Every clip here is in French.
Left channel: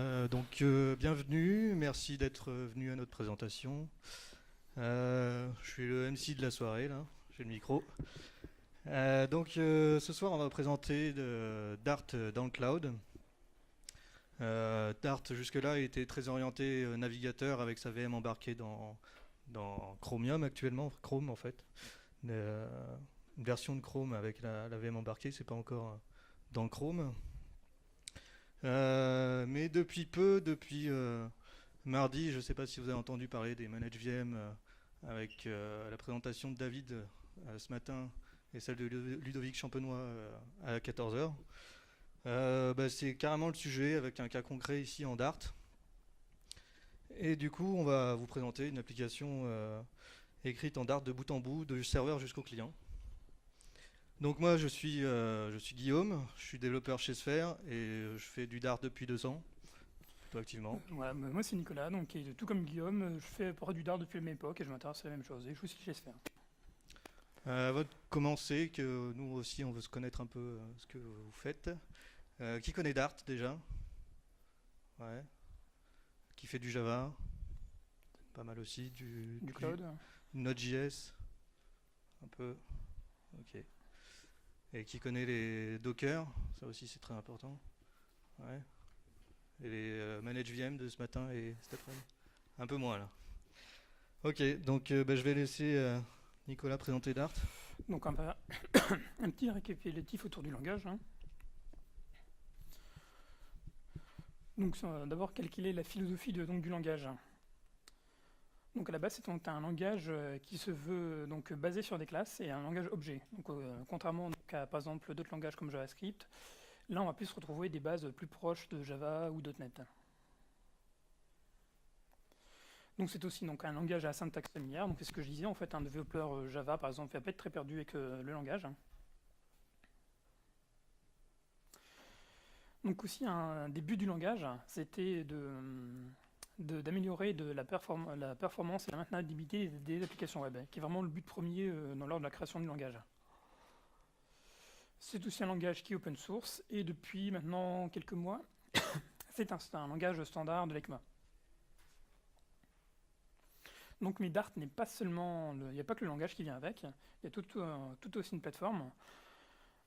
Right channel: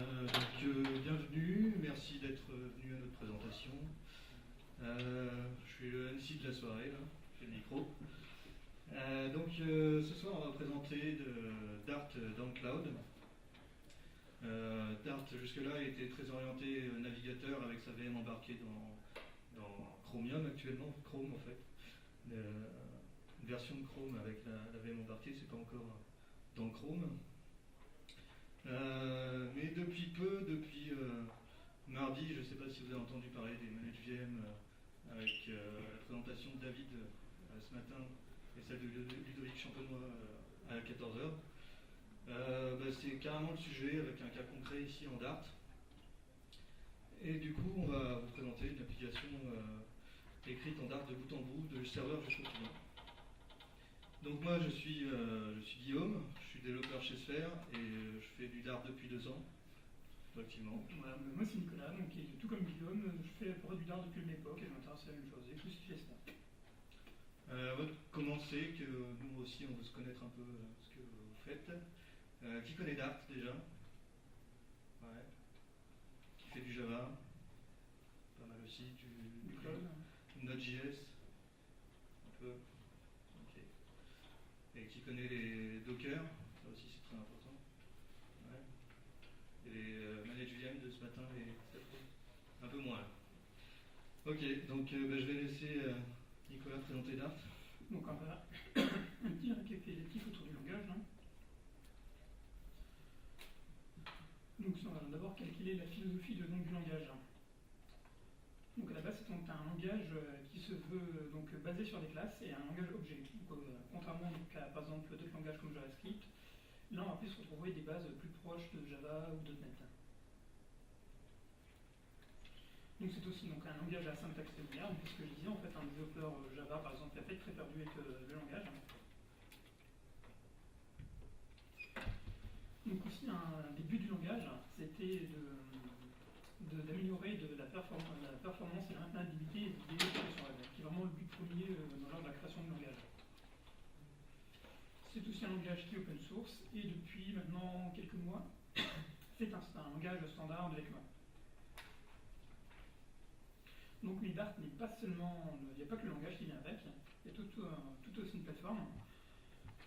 Bienvenue, merci d'être venu à notre présentation. Je suis le MC de la soirée, là, j'ai le micro. Ce soir, on va présenter Dart dans le cloud. Dart, jusque-là, était très orienté navigateur avec sa VM embarquée dans Chromium actuellement, Chrome en fait. Une version de Chrome avec la VM embarquée, c'est pas encore dans Chrome. Mais depuis mardi, je ne sais pas si vous avez entendu parler des Managed VM avec la présentation de David ce matin et celle de Ludovic Champenois à 14h. C'est carrément le sujet avec un cas concret ici en Dart. Et du coup, on va vous présenter une application écrite en Dart de bout en bout, du serveur jusqu'au client. Donc moi je suis Guillaume, je suis développeur chez Sphere et je fais du Dart depuis 2 ans, plutôt activement. Voilà, moi c'est Nicolas, donc tout comme Guillaume, je fais du Dart depuis la même époque et je m'intéresse à la même chose. Et je suis aussi chez Sphere. Avant de commencer, que nous aussi on veut se connaître un peu ce que vous faites. Qui connaît Dart déjà? Ouais. Qui fait du Java? Pas mal aussi. Du cloud. Du Node.js? Un peu. Ok. Et qui connaît les Docker? Ça aussi c'est très important. Ouais. Et les Managed VM de ce matin et cet après-midi? Un peu moins là. Ok, donc je vais laisser Nicolas présenter Dart. Donc un petit récapitulatif autour du langage. Donc d'abord calculer la philosophie du langage. Donc à la base c'est un langage qui se veut donc basé sur des classes et un langage objet. Donc contrairement à par exemple d'autres langages comme JavaScript, là on va plus retrouver des bases plus proches de Java ou .NET. Donc c'est aussi donc, un langage à syntaxe familière. Donc c'est ce que je disais, en fait un développeur Java par exemple va pas être très perdu avec le langage. Donc aussi un des buts du langage, c'était d'améliorer la performance et la maintenabilité des applications web, qui est vraiment le but premier lors de la création du langage. C'est aussi un langage qui est open source et depuis maintenant quelques mois, c'est un langage standard de l'ECMA. Donc mais Dart n'est pas seulement, il n'y a pas que le langage qui vient avec, il y a tout aussi une plateforme.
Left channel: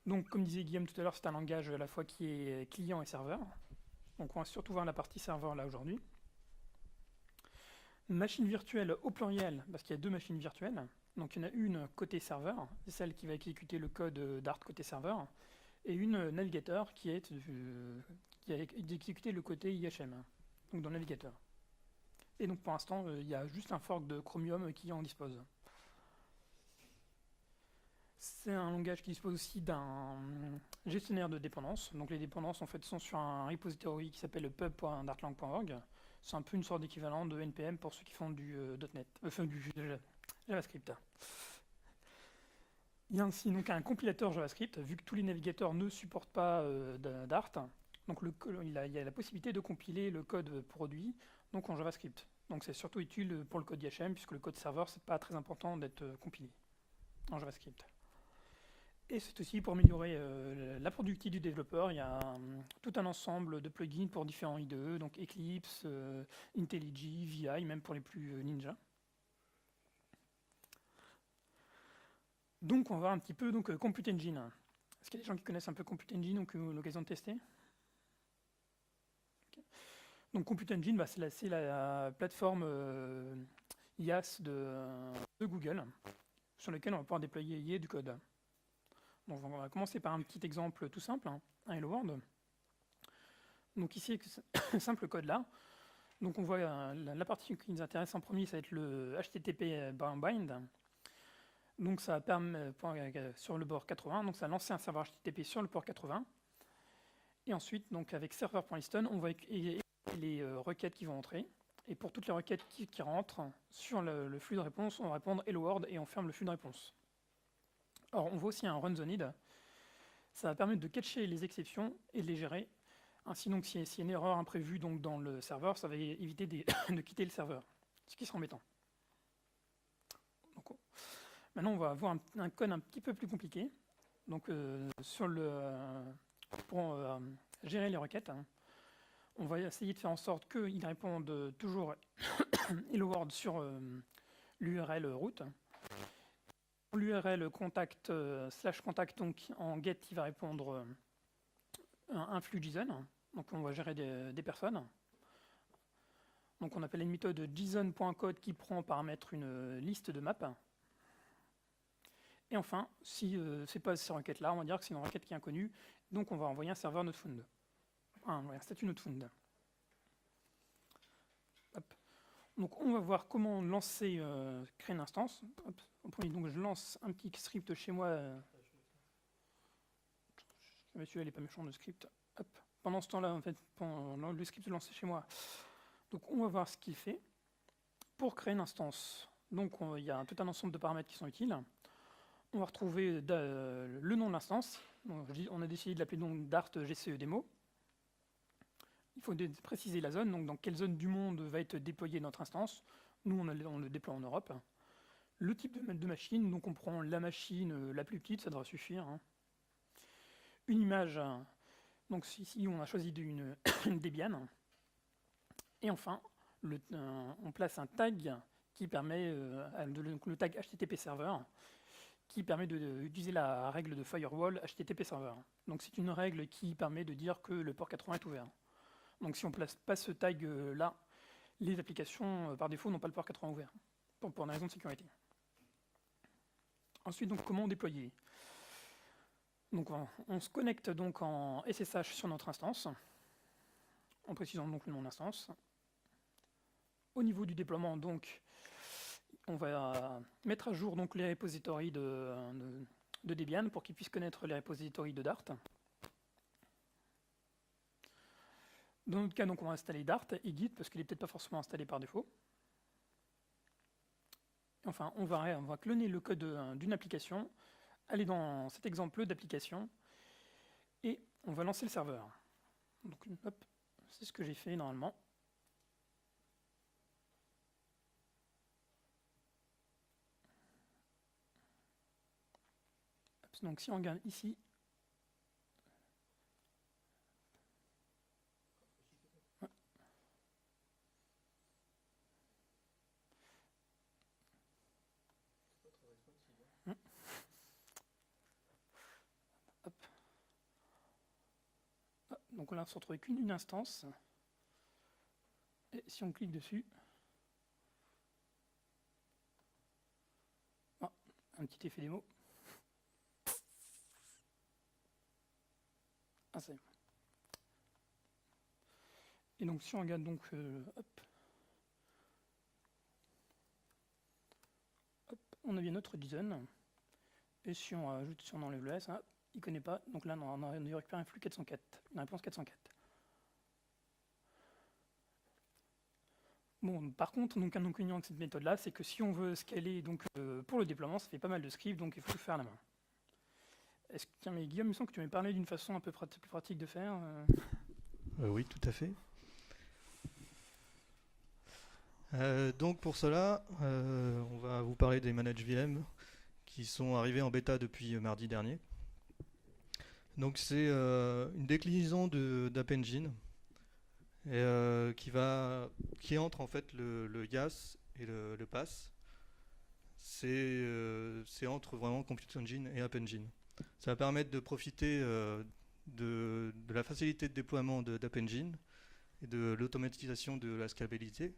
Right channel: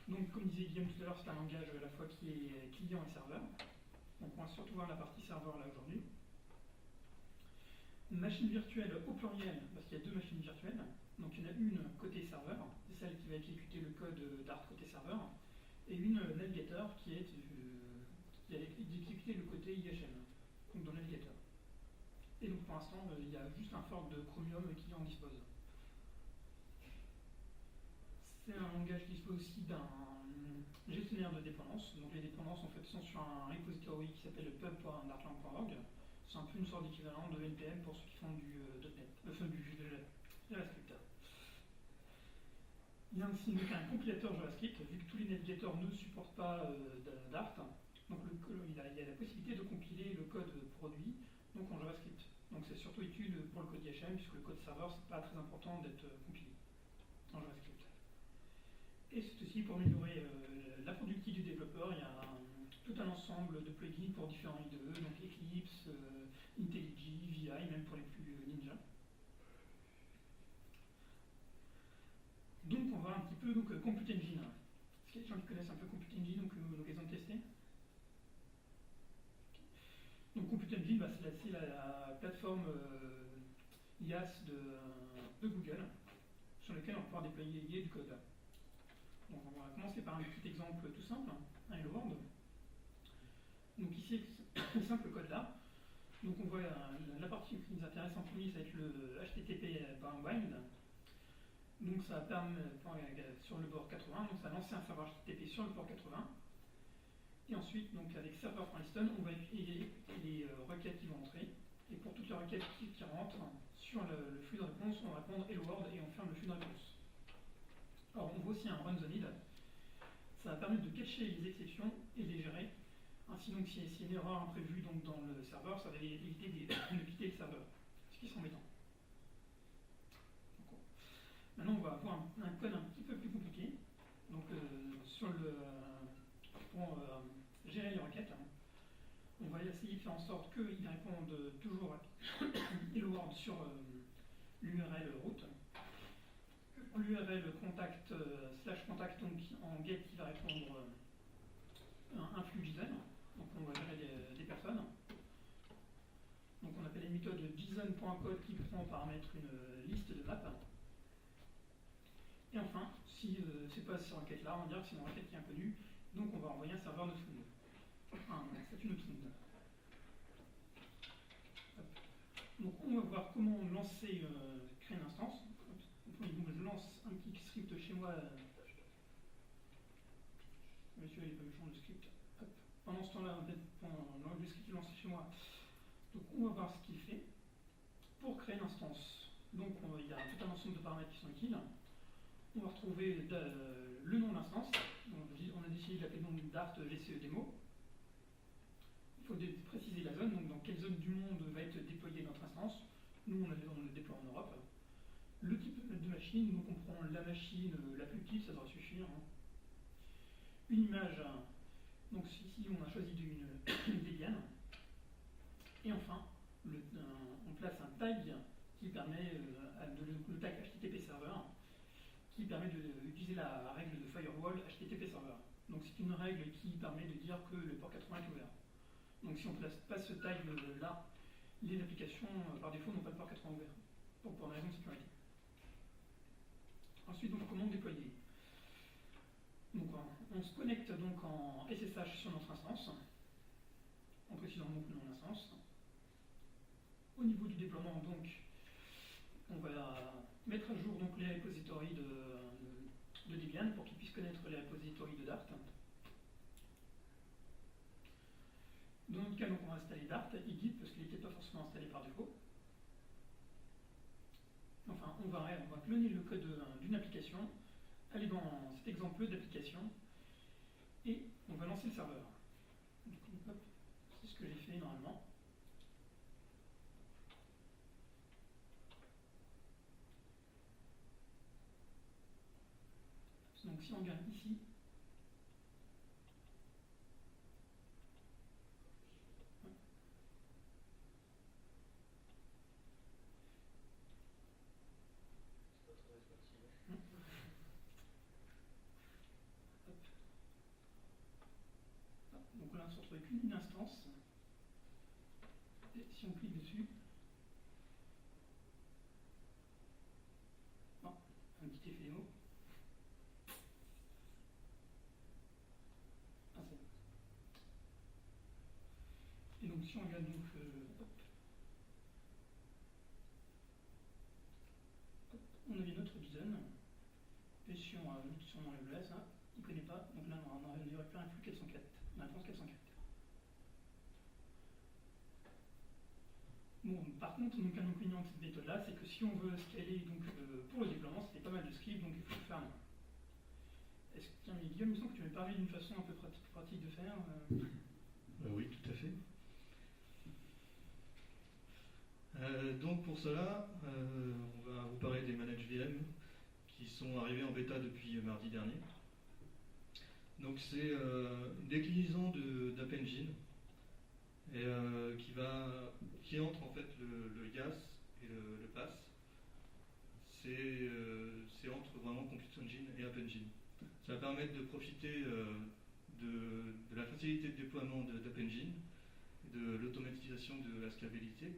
Donc comme disait Guillaume tout à l'heure, c'est un langage à la fois qui est client et serveur. Donc on va surtout voir la partie serveur là aujourd'hui. Machine virtuelle au pluriel, parce qu'il y a 2 machines virtuelles. Donc il y en a une côté serveur, c'est celle qui va exécuter le code Dart côté serveur, et une navigateur qui a exécuté le côté IHM, donc dans le navigateur. Et donc pour l'instant, il y a juste un fork de Chromium qui en dispose. C'est un langage qui dispose aussi d'un gestionnaire de dépendances. Donc les dépendances en fait sont sur un repository qui s'appelle pub.dartlang.org. C'est un peu une sorte d'équivalent de NPM pour ceux qui font du .NET, du JavaScript. Il y a ainsi donc un compilateur JavaScript, vu que tous les navigateurs ne supportent pas Dart. Donc il y a la possibilité de compiler le code produit donc en JavaScript. Donc c'est surtout utile pour le code IHM, puisque le code serveur c'est pas très important d'être compilé en JavaScript. Et c'est aussi pour améliorer la productivité du développeur. Il y a tout un ensemble de plugins pour différents IDE, donc Eclipse, IntelliJ, VI, même pour les plus ninja. Donc on va voir un petit peu Compute Engine. Est-ce qu'il y a des gens qui connaissent un peu Compute Engine ou qui ont eu l'occasion de tester? Donc Compute Engine, c'est la plateforme IaaS de Google, sur laquelle on va pouvoir déployer du code. Donc on va commencer par un petit exemple tout simple, un Hello World. Donc ici, ce simple code là. Donc on voit la partie qui nous intéresse en premier, ça va être le HTTP bind. Donc ça permet sur le port 80, donc ça va lancer un serveur HTTP sur le port 80. Et ensuite, donc avec server.listen, on va les requêtes qui vont entrer. Et pour toutes les requêtes qui rentrent sur le flux de réponse, on va répondre Hello World et on ferme le flux de réponse. Or, on voit aussi un run the need. Ça va permettre de cacher les exceptions et de les gérer. Ainsi, donc, s'il y a une erreur imprévue donc, dans le serveur, ça va éviter de quitter le serveur, ce qui sera embêtant. Donc, maintenant, on va voir un code un petit peu plus compliqué. Donc, pour gérer les requêtes, On va essayer de faire en sorte qu'ils répondent toujours hello world sur l'URL route. Pour l'URL contact /contact, donc en get, il va répondre un flux JSON. Donc on va gérer des personnes. Donc on appelle une méthode JSON.code qui prend en paramètre une liste de maps. Et enfin, si c'est pas cette requête-là, on va dire que c'est une requête qui est inconnue. Donc on va envoyer un serveur node-found. Un statut node-found. Donc on va voir comment lancer, créer une instance. Donc je lance un petit script chez moi. Monsieur, il est pas méchant le script. Hop. Pendant ce temps-là, en fait, pendant le script lancé chez moi. Donc on va voir ce qu'il fait. Pour créer l'instance, donc il y a tout un ensemble de paramètres qui sont utiles. On va retrouver le nom de l'instance. On a décidé de l'appeler donc Dart GCE Demo. Il faut préciser la zone, donc dans quelle zone du monde va être déployée notre instance. Nous, on le déploie en Europe. Le type de machine, donc on prend la machine la plus petite, ça devrait suffire. Hein. Une image, donc ici on a choisi une Debian. Et enfin, on place un tag qui permet, le tag HTTP server, qui permet d'utiliser la règle de firewall HTTP server. Donc c'est une règle qui permet de dire que le port 80 est ouvert. Donc si on ne place pas ce tag là, les applications par défaut n'ont pas le port 80 ouvert, pour une raison de sécurité. Ensuite, donc, comment déployer? Donc on se connecte donc en SSH sur notre instance, en précisant donc le nom d'instance. Au niveau du déploiement, donc, on va mettre à jour donc les repositories de Debian pour qu'ils puissent connaître les repositories de Dart. Dans notre cas, donc, on va installer Dart et Git parce qu'il n'est peut-être pas forcément installé par défaut. Enfin, on va cloner le code d'une application, aller dans cet exemple d'application et on va lancer le serveur. Donc, hop, c'est ce que j'ai fait normalement. Donc si on regarde ici, ouais. Hop. Hop. Donc là on ne se retrouve qu'une instance. Et si on clique dessus, un petit effet démo. Ah, c'est. Et donc si on regarde donc, hop, on a bien notre JSON. Et si on ajoute, si on enlève le S, hein, il ne connaît pas. Donc là, on récupère un flux 404, une réponse 404. Bon, par contre, donc un inconvénient avec cette méthode-là, c'est que si on veut scaler donc, pour le déploiement, ça fait pas mal de scripts, donc il faut le faire à la main. Tiens, mais Guillaume, il me semble que tu m'avais parlé d'une façon un peu pratique de faire. Oui, tout à fait. Donc pour cela, on va vous parler des managed VM qui sont arrivés en bêta depuis mardi dernier. Donc c'est une déclinaison d'App Engine qui entre en fait le YAS et le PAS. C'est entre vraiment Compute Engine et App Engine. Ça va permettre de profiter de la facilité de déploiement d'App Engine et de l'automatisation de la scalabilité,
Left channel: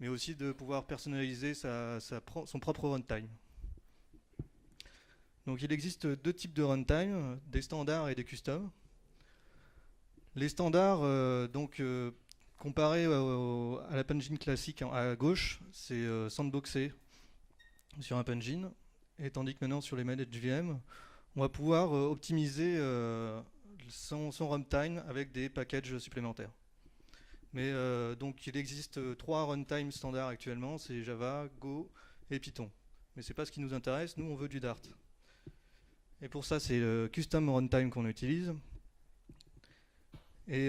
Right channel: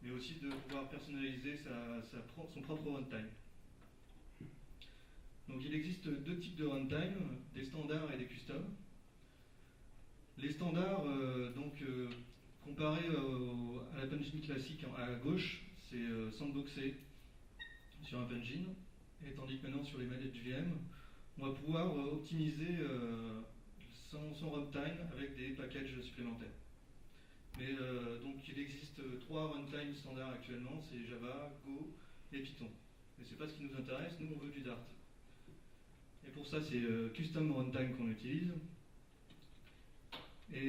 mais aussi de pouvoir personnaliser son propre runtime. Donc il existe deux types de runtime, des standards et des custom. Les standards, comparés à l'App Engine classique à gauche, c'est sandboxé sur App Engine, et tandis que maintenant sur les managed VM, on va pouvoir optimiser son runtime avec des packages supplémentaires. Mais donc il existe 3 runtime standards actuellement, c'est Java, Go et Python. Mais c'est pas ce qui nous intéresse, nous on veut du Dart. Et pour ça c'est le custom runtime qu'on utilise. Et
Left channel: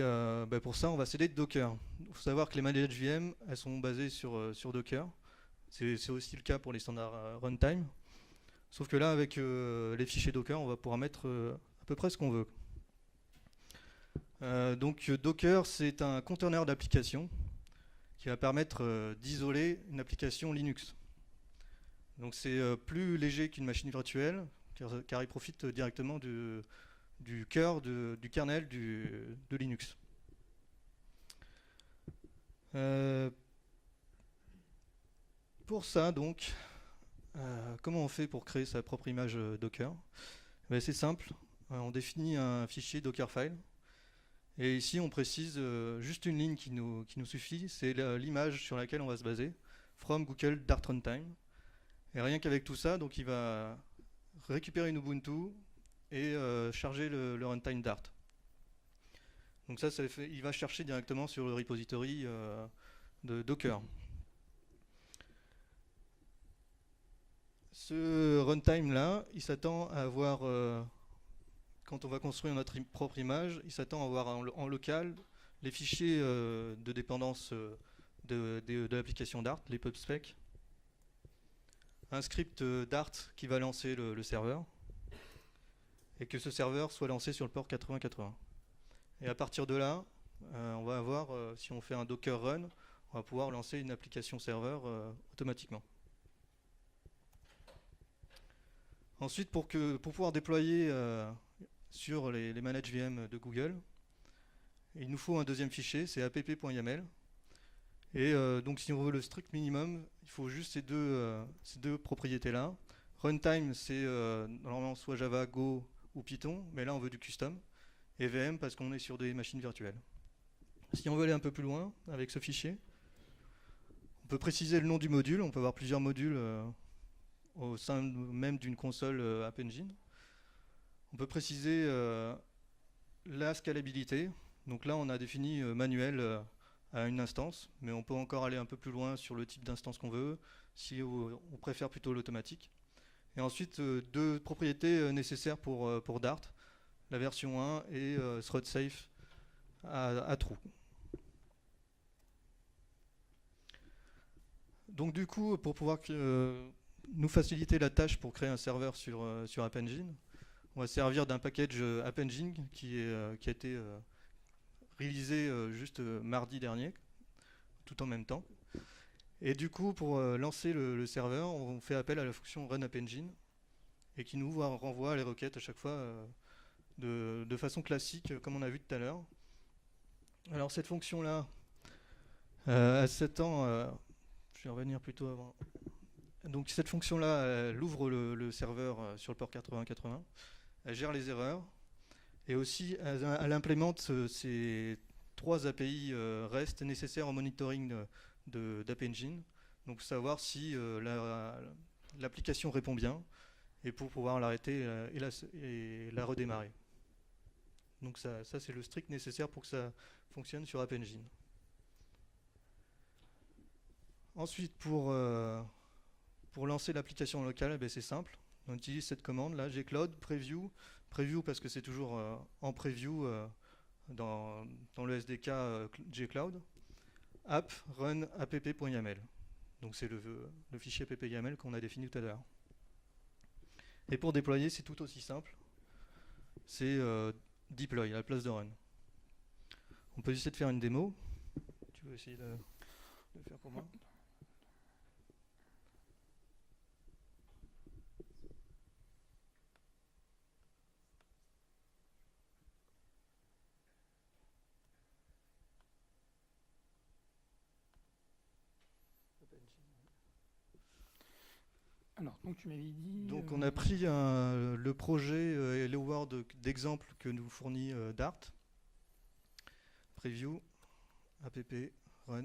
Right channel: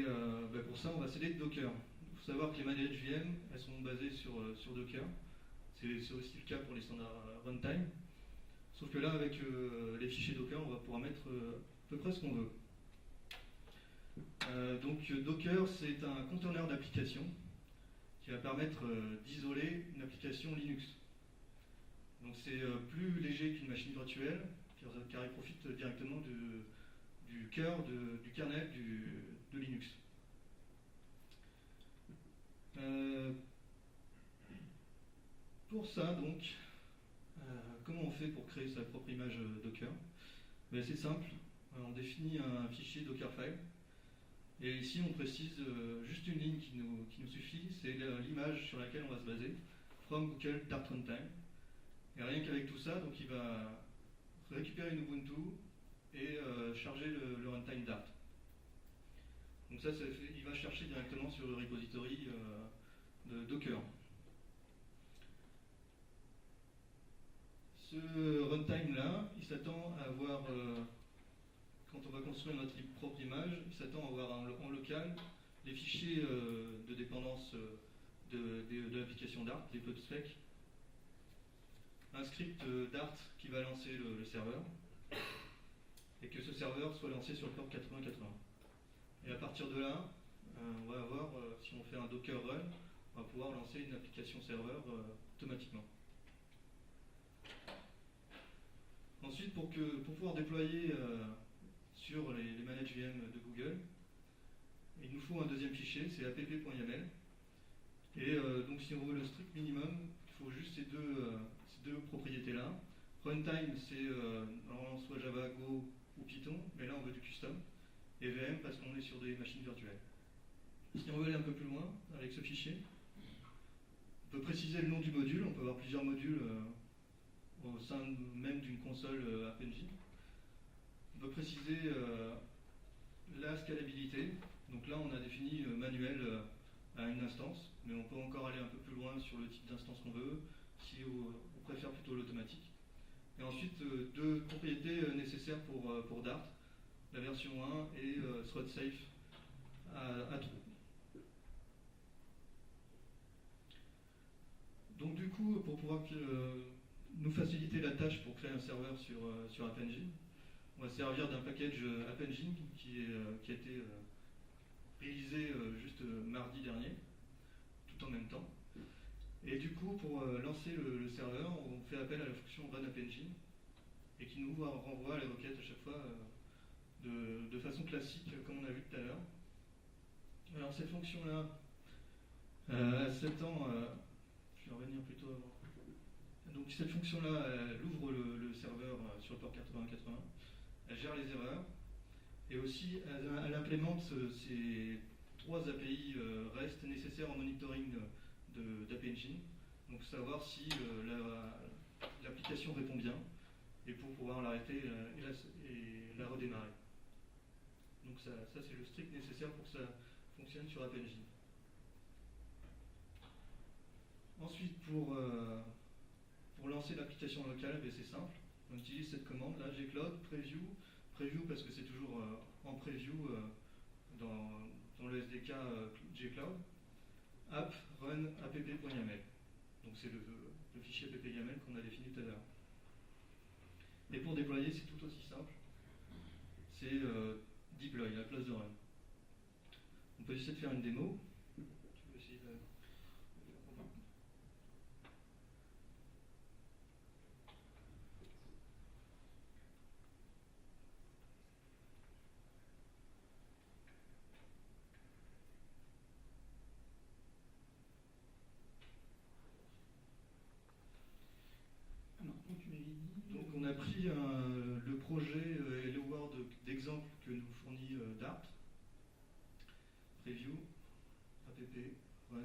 pour ça on va s'aider de Docker. Il faut savoir que les managed VM, elles sont basées sur Docker. C'est aussi le cas pour les standards runtime. Sauf que là avec les fichiers Docker, on va pouvoir mettre à peu près ce qu'on veut. Donc Docker, c'est un conteneur d'application qui va permettre d'isoler une application Linux. Donc c'est plus léger qu'une machine virtuelle, car il profite directement du cœur du kernel de Linux. Pour ça, donc, comment on fait pour créer sa propre image Docker? C'est simple, on définit un fichier Dockerfile, et ici on précise juste une ligne qui nous suffit, c'est l'image sur laquelle on va se baser, from Google Dart Runtime. Et rien qu'avec tout ça, donc il va récupérer une Ubuntu et charger le runtime Dart. Donc ça, il va chercher directement sur le repository de Docker. Ce runtime là, il s'attend à avoir, quand on va construire notre propre image, il s'attend à avoir en local les fichiers de dépendance de l'application Dart, les pubspec, un script Dart qui va lancer le serveur, et que ce serveur soit lancé sur le port 8080. Et à partir de là, on va avoir, si on fait un Docker run, on va pouvoir lancer une application serveur automatiquement. Ensuite, pour pouvoir déployer sur les managed VM de Google, il nous faut un deuxième fichier, c'est app.yaml. Et donc si on veut le strict minimum, il faut juste ces deux propriétés-là. Runtime, c'est normalement soit Java, Go ou Python, mais là on veut du custom. Et VM parce qu'on est sur des machines virtuelles. Si on veut aller un peu plus loin avec ce fichier, on peut préciser le nom du module, on peut avoir plusieurs modules au sein même d'une console App Engine. On peut préciser la scalabilité. Donc là, on a défini manuel à une instance, mais on peut encore aller un peu plus loin sur le type d'instance qu'on veut, si on préfère plutôt l'automatique. Et ensuite, deux propriétés nécessaires pour Dart, la version 1 et thread safe à true. Donc du coup, pour pouvoir nous faciliter la tâche pour créer un serveur sur App Engine, on va servir d'un package App Engine qui a été réalisé juste mardi dernier, tout en même temps. Et du coup, pour lancer le serveur, on fait appel à la fonction run App Engine et qui nous renvoie les requêtes à chaque fois de façon classique, comme on a vu tout à l'heure. Alors cette fonction-là, à 7 ans, je vais revenir plutôt avant. Donc cette fonction-là, elle ouvre le serveur sur le port 8080, elle gère les erreurs, et aussi elle implémente ces 3 API REST nécessaires au monitoring d'App Engine, donc savoir si l'application répond bien, et pour pouvoir l'arrêter et la redémarrer. Donc ça c'est le strict nécessaire pour que ça fonctionne sur App Engine. Ensuite, pour lancer l'application locale, c'est simple. On utilise cette commande là, gcloud preview parce que c'est toujours en preview dans le SDK gcloud, app run app.yaml. Donc c'est le fichier app.yaml qu'on a défini tout à l'heure. Et pour déployer, c'est tout aussi simple. C'est deploy à la place de run. On peut essayer de faire une démo. Tu veux essayer de faire pour moi? Alors, donc tu m'avais dit... Donc on a pris le projet et le Word d'exemple que nous fournit Dart. Preview, app, run.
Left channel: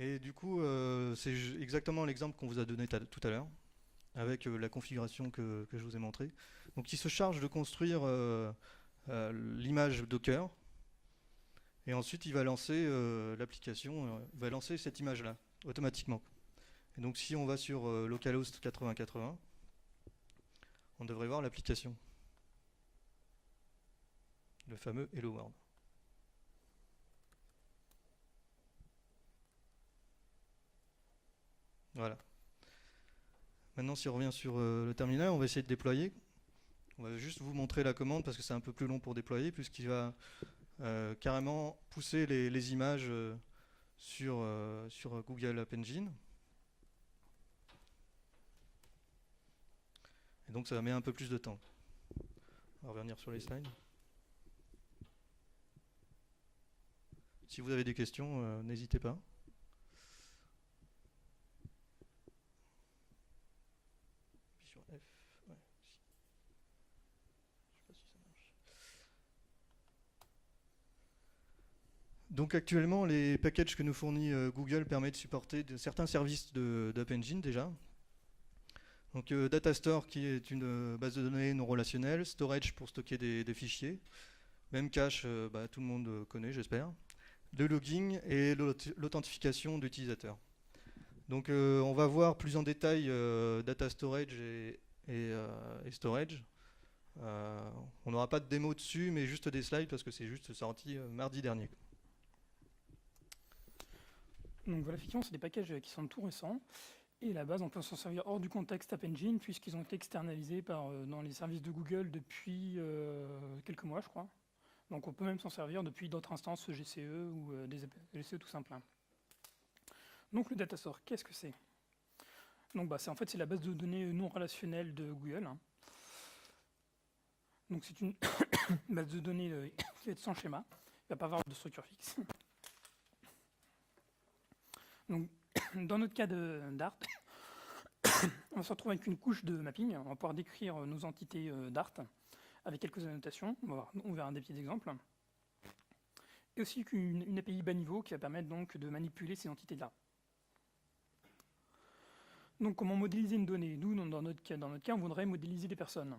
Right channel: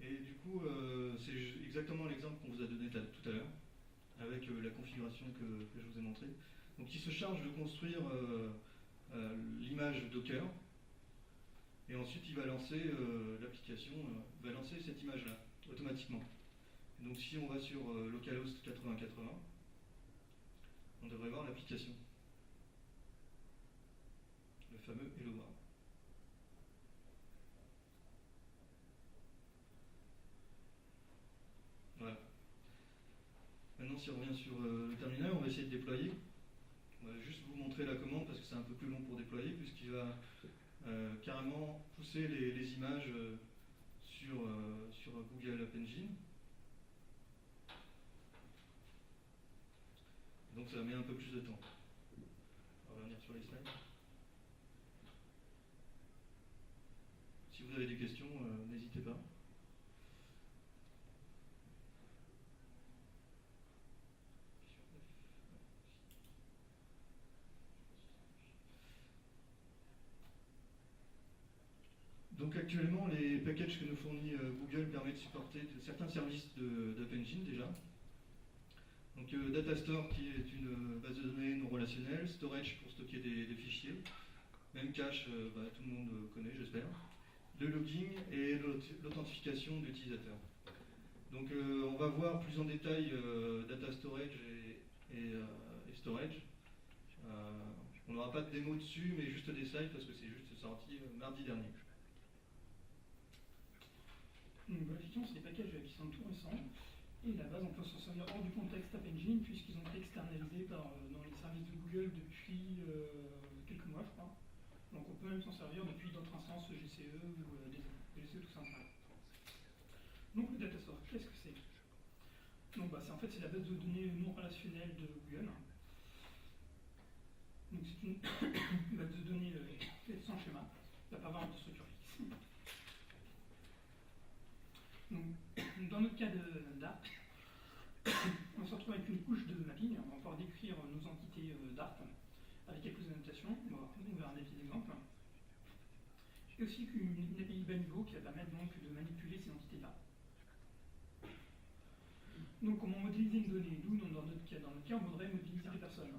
Et du coup, c'est exactement l'exemple qu'on vous a donné tout à l'heure, avec la configuration que je vous ai montrée. Donc il se charge de construire l'image Docker, et ensuite il va lancer l'application, va lancer cette image-là, automatiquement. Et donc si on va sur localhost 8080, on devrait voir l'application. Le fameux Hello World. Voilà. Maintenant, si on revient sur le terminal, on va essayer de déployer. On va juste vous montrer la commande parce que c'est un peu plus long pour déployer, puisqu'il va carrément pousser les images sur Google App Engine. Et donc ça va mettre un peu plus de temps. On va revenir sur les slides. Si vous avez des questions, n'hésitez pas. Donc actuellement, les packages que nous fournit Google permettent de supporter certains services d'App Engine déjà. Donc Datastore qui est une base de données non relationnelle, Storage pour stocker des fichiers, Memcache, tout le monde connaît j'espère, le logging et l'authentification d'utilisateurs. Donc on va voir plus en détail Data Storage et Storage. On n'aura pas de démo dessus, mais juste des slides parce que c'est juste sorti mardi dernier. Donc voilà, effectivement, c'est des packages qui sont tout récents. Et à la base, on peut s'en servir hors du contexte App Engine, puisqu'ils ont été externalisés dans les services de Google depuis quelques mois, je crois. Donc on peut même s'en servir depuis d'autres instances GCE ou des GCE tout simplement. Donc le Datastore, qu'est-ce que c'est? Donc en fait, c'est la base de données non relationnelle de Google. Donc c'est une base de données qui est sans schéma. Il ne va pas avoir de structure fixe. Donc, dans notre cas d'Art, on va se retrouver avec une couche de mapping. On va pouvoir décrire nos entités d'Art avec quelques annotations. On verra des petits exemples. Et aussi une API bas niveau qui va permettre donc de manipuler ces entités-là. Donc, comment modéliser une donnée? Nous, dans notre cas, on voudrait modéliser des personnes.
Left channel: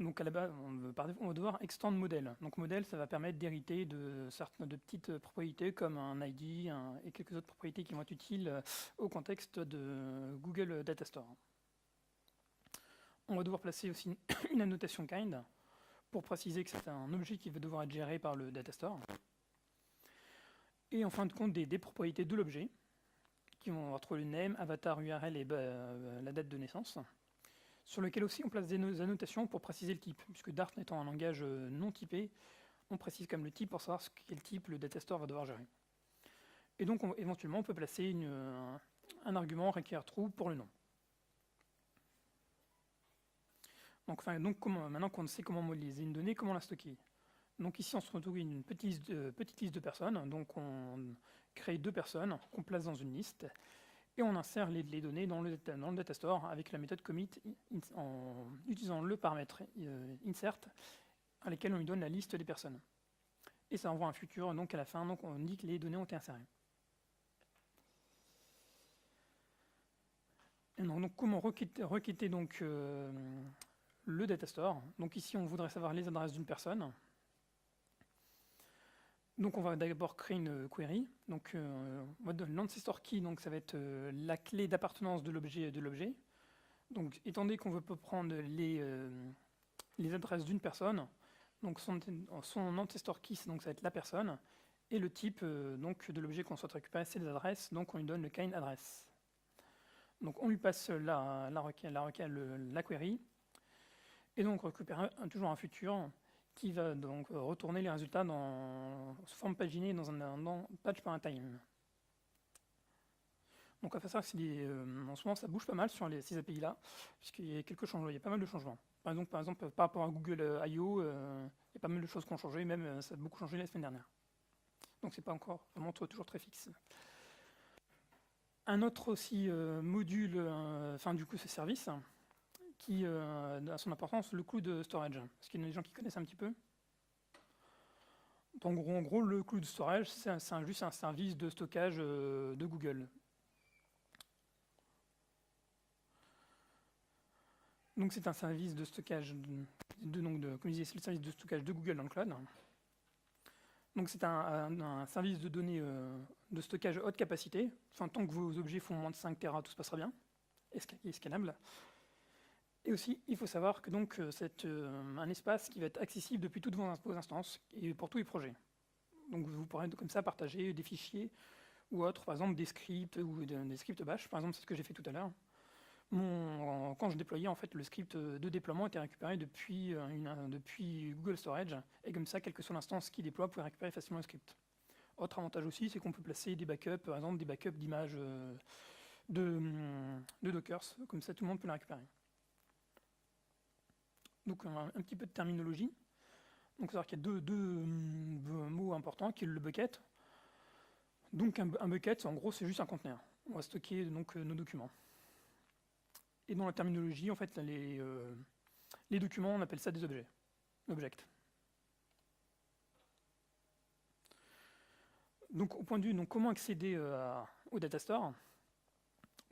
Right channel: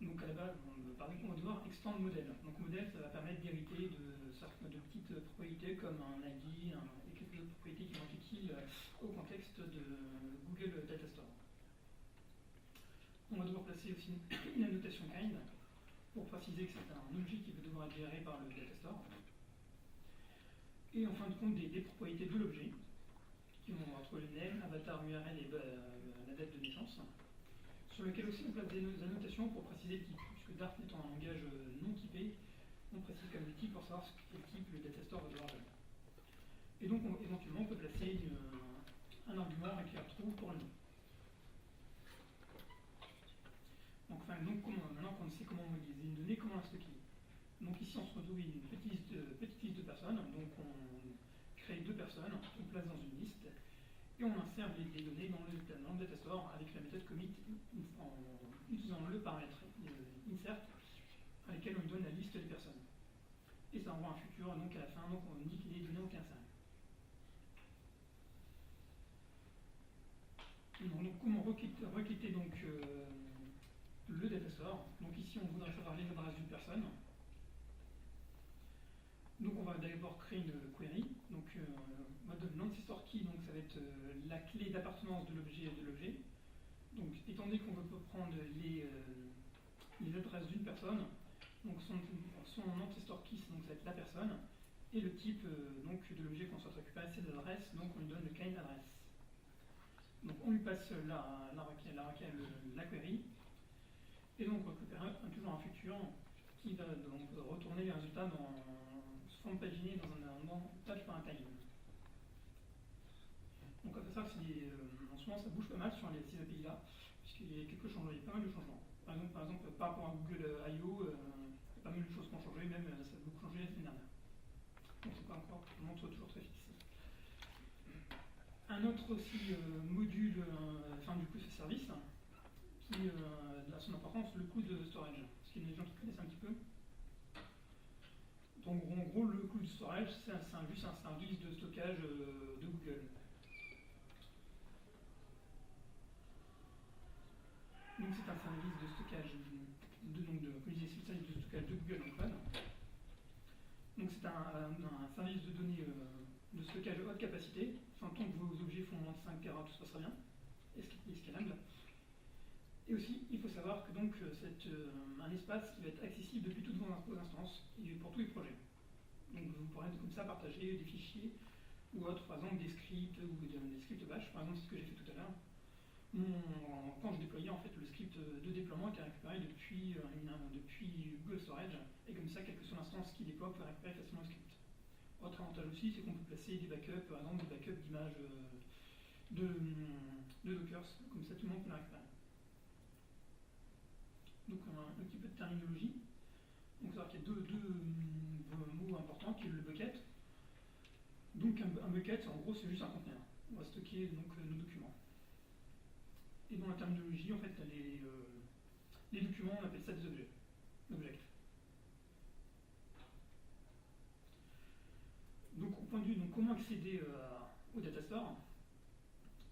Donc à la base, on va devoir extendre modèle. Donc modèle, ça va permettre d'hériter de petites propriétés comme un ID et quelques autres propriétés qui vont être utiles au contexte de Google Datastore. On va devoir placer aussi une annotation kind pour préciser que c'est un objet qui va devoir être géré par le Datastore. Et en fin de compte, des propriétés de l'objet qui vont être le name, avatar, URL et la date de naissance, sur lequel aussi on place des annotations pour préciser le type, puisque Dart étant un langage non typé, on précise comme le type pour savoir quel type le Datastore va devoir gérer. Et donc éventuellement on peut placer un argument require true pour le nom. Donc maintenant qu'on sait comment modéliser une donnée, comment la stocker? Donc ici on se retrouve une petite liste de personnes, donc on crée 2 personnes qu'on place dans une liste. Et on insère les données dans le Datastore avec la méthode commit en utilisant le paramètre insert à laquelle on lui donne la liste des personnes. Et ça envoie un futur, donc à la fin, donc on dit que les données ont été insérées. Et donc comment requêter donc, le Datastore? Donc ici, on voudrait savoir les adresses d'une personne. Donc on va d'abord créer une query. Donc l'ancestor key, donc ça va être la clé d'appartenance de l'objet. Donc étant donné qu'on veut prendre les adresses d'une personne, donc son ancestor key, donc ça va être la personne, et le type donc de l'objet qu'on souhaite récupérer, c'est les adresses. Donc on lui donne le kind address. Donc on lui passe la query, et donc on récupère toujours un futur qui va donc retourner les résultats sous forme paginée dans un page par un time. Donc à faire ça, en ce moment ça bouge pas mal sur ces API là, puisqu'il y a quelques changements, il y a pas mal de changements. Par exemple par rapport à Google I.O., il y a pas mal de choses qui ont changé, même ça a beaucoup changé la semaine dernière. Donc c'est pas encore, ça montre toujours très fixe. Un autre aussi module, du coup ce service, qui a son importance, le cloud storage. Est-ce qu'il y a des gens qui connaissent un petit peu? Donc, en gros, le cloud storage, c'est juste un service de stockage de Google. Donc c'est un service de stockage comme je disais, c'est le service de stockage de Google dans le cloud. Donc c'est un service de données de stockage haute capacité. Enfin, tant que vos objets font moins de 5 Tera, tout se passera bien. Et scalable. Et aussi, il faut savoir que donc c'est un espace qui va être accessible depuis toutes vos instances et pour tous les projets. Donc vous pourrez comme ça partager des fichiers ou autres, par exemple des scripts ou des scripts bash, par exemple c'est ce que j'ai fait tout à l'heure, quand je déployais, en fait, le script de déploiement était récupéré depuis Google Storage, et comme ça, quelle que soit l'instance qui déploie, vous pouvez récupérer facilement le script. Autre avantage aussi, c'est qu'on peut placer des backups, par exemple des backups d'images de Docker, comme ça tout le monde peut les récupérer. Donc un petit peu de terminologie. Donc il faut savoir qu'il y a deux mots importants, qui est le bucket. Donc un bucket, en gros, c'est juste un conteneur. On va stocker donc nos documents. Et dans la terminologie, en fait, les documents, on appelle ça des objets. Objects. Donc au point de vue, donc, comment accéder au data store.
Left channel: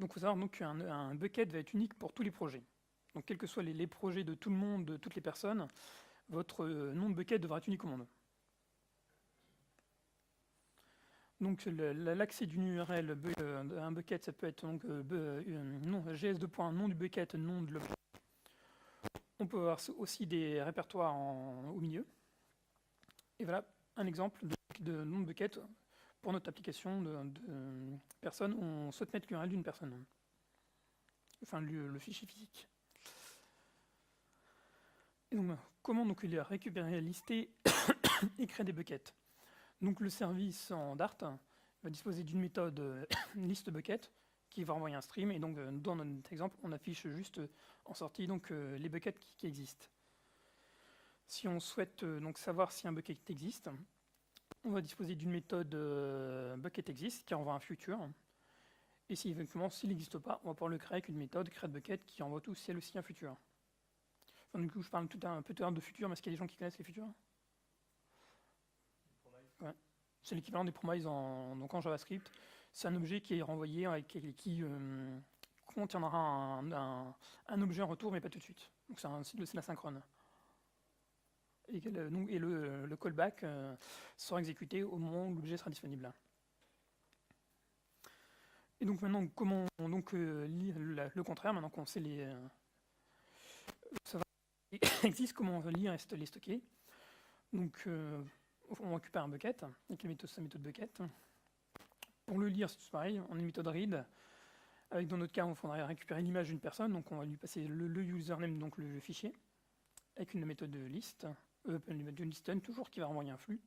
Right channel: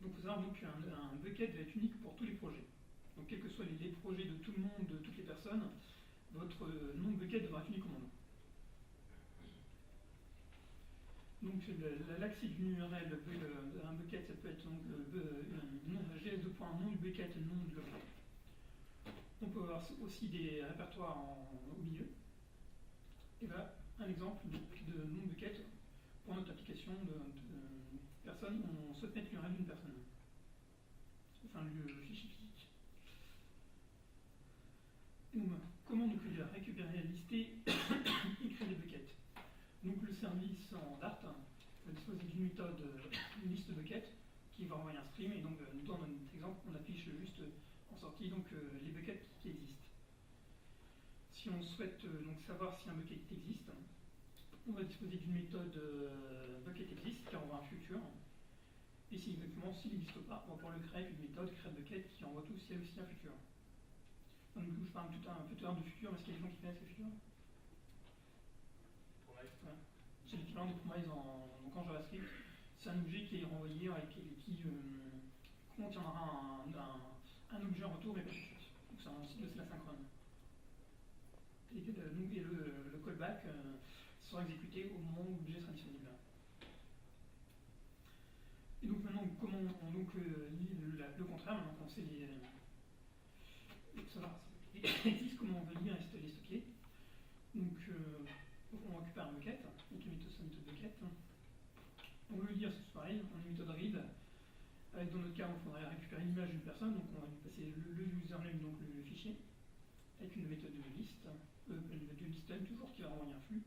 Donc il faut savoir qu'un bucket va être unique pour tous les projets. Donc quels que soient les projets de tout le monde, de toutes les personnes, votre nom de bucket devra être unique au monde. Donc l'accès d'une URL à un bucket, ça peut être donc gs2. Nom du bucket, nom de l'objet. On peut avoir aussi des répertoires au milieu. Et voilà un exemple de nom de bucket pour notre application de personne. On souhaite mettre l'URL d'une personne. Enfin le fichier physique. Et donc, comment donc récupérer, lister et créer des buckets. Donc le service en Dart va disposer d'une méthode list bucket qui va envoyer un stream, et donc dans notre exemple on affiche juste en sortie donc les buckets qui existent. Si on souhaite donc savoir si un bucket existe, on va disposer d'une méthode bucket exist qui envoie un futur, et si effectivement s'il n'existe pas, on va pouvoir le créer avec une méthode createBucket qui envoie tout ciel aussi un futur. Enfin, du coup je parle un peu de futur, mais est-ce qu'il y a des gens qui connaissent les futurs? Ouais. C'est l'équivalent des promises donc en JavaScript. C'est un objet qui est renvoyé qui contiendra un objet en retour, mais pas tout de suite. Donc c'est l'asynchrone. Et le callback sera exécuté au moment où l'objet sera disponible. Et donc maintenant, comment on lit le contraire, maintenant qu'on sait savoir existe, comment on va lire et les stocker. Donc on récupère un bucket avec sa méthode bucket. Pour le lire, c'est pareil, on a une méthode read. Avec, dans notre cas, on faudrait récupérer l'image d'une personne, donc on va lui passer le username, donc le fichier, avec une méthode de list, de listen toujours, qui va renvoyer un flux.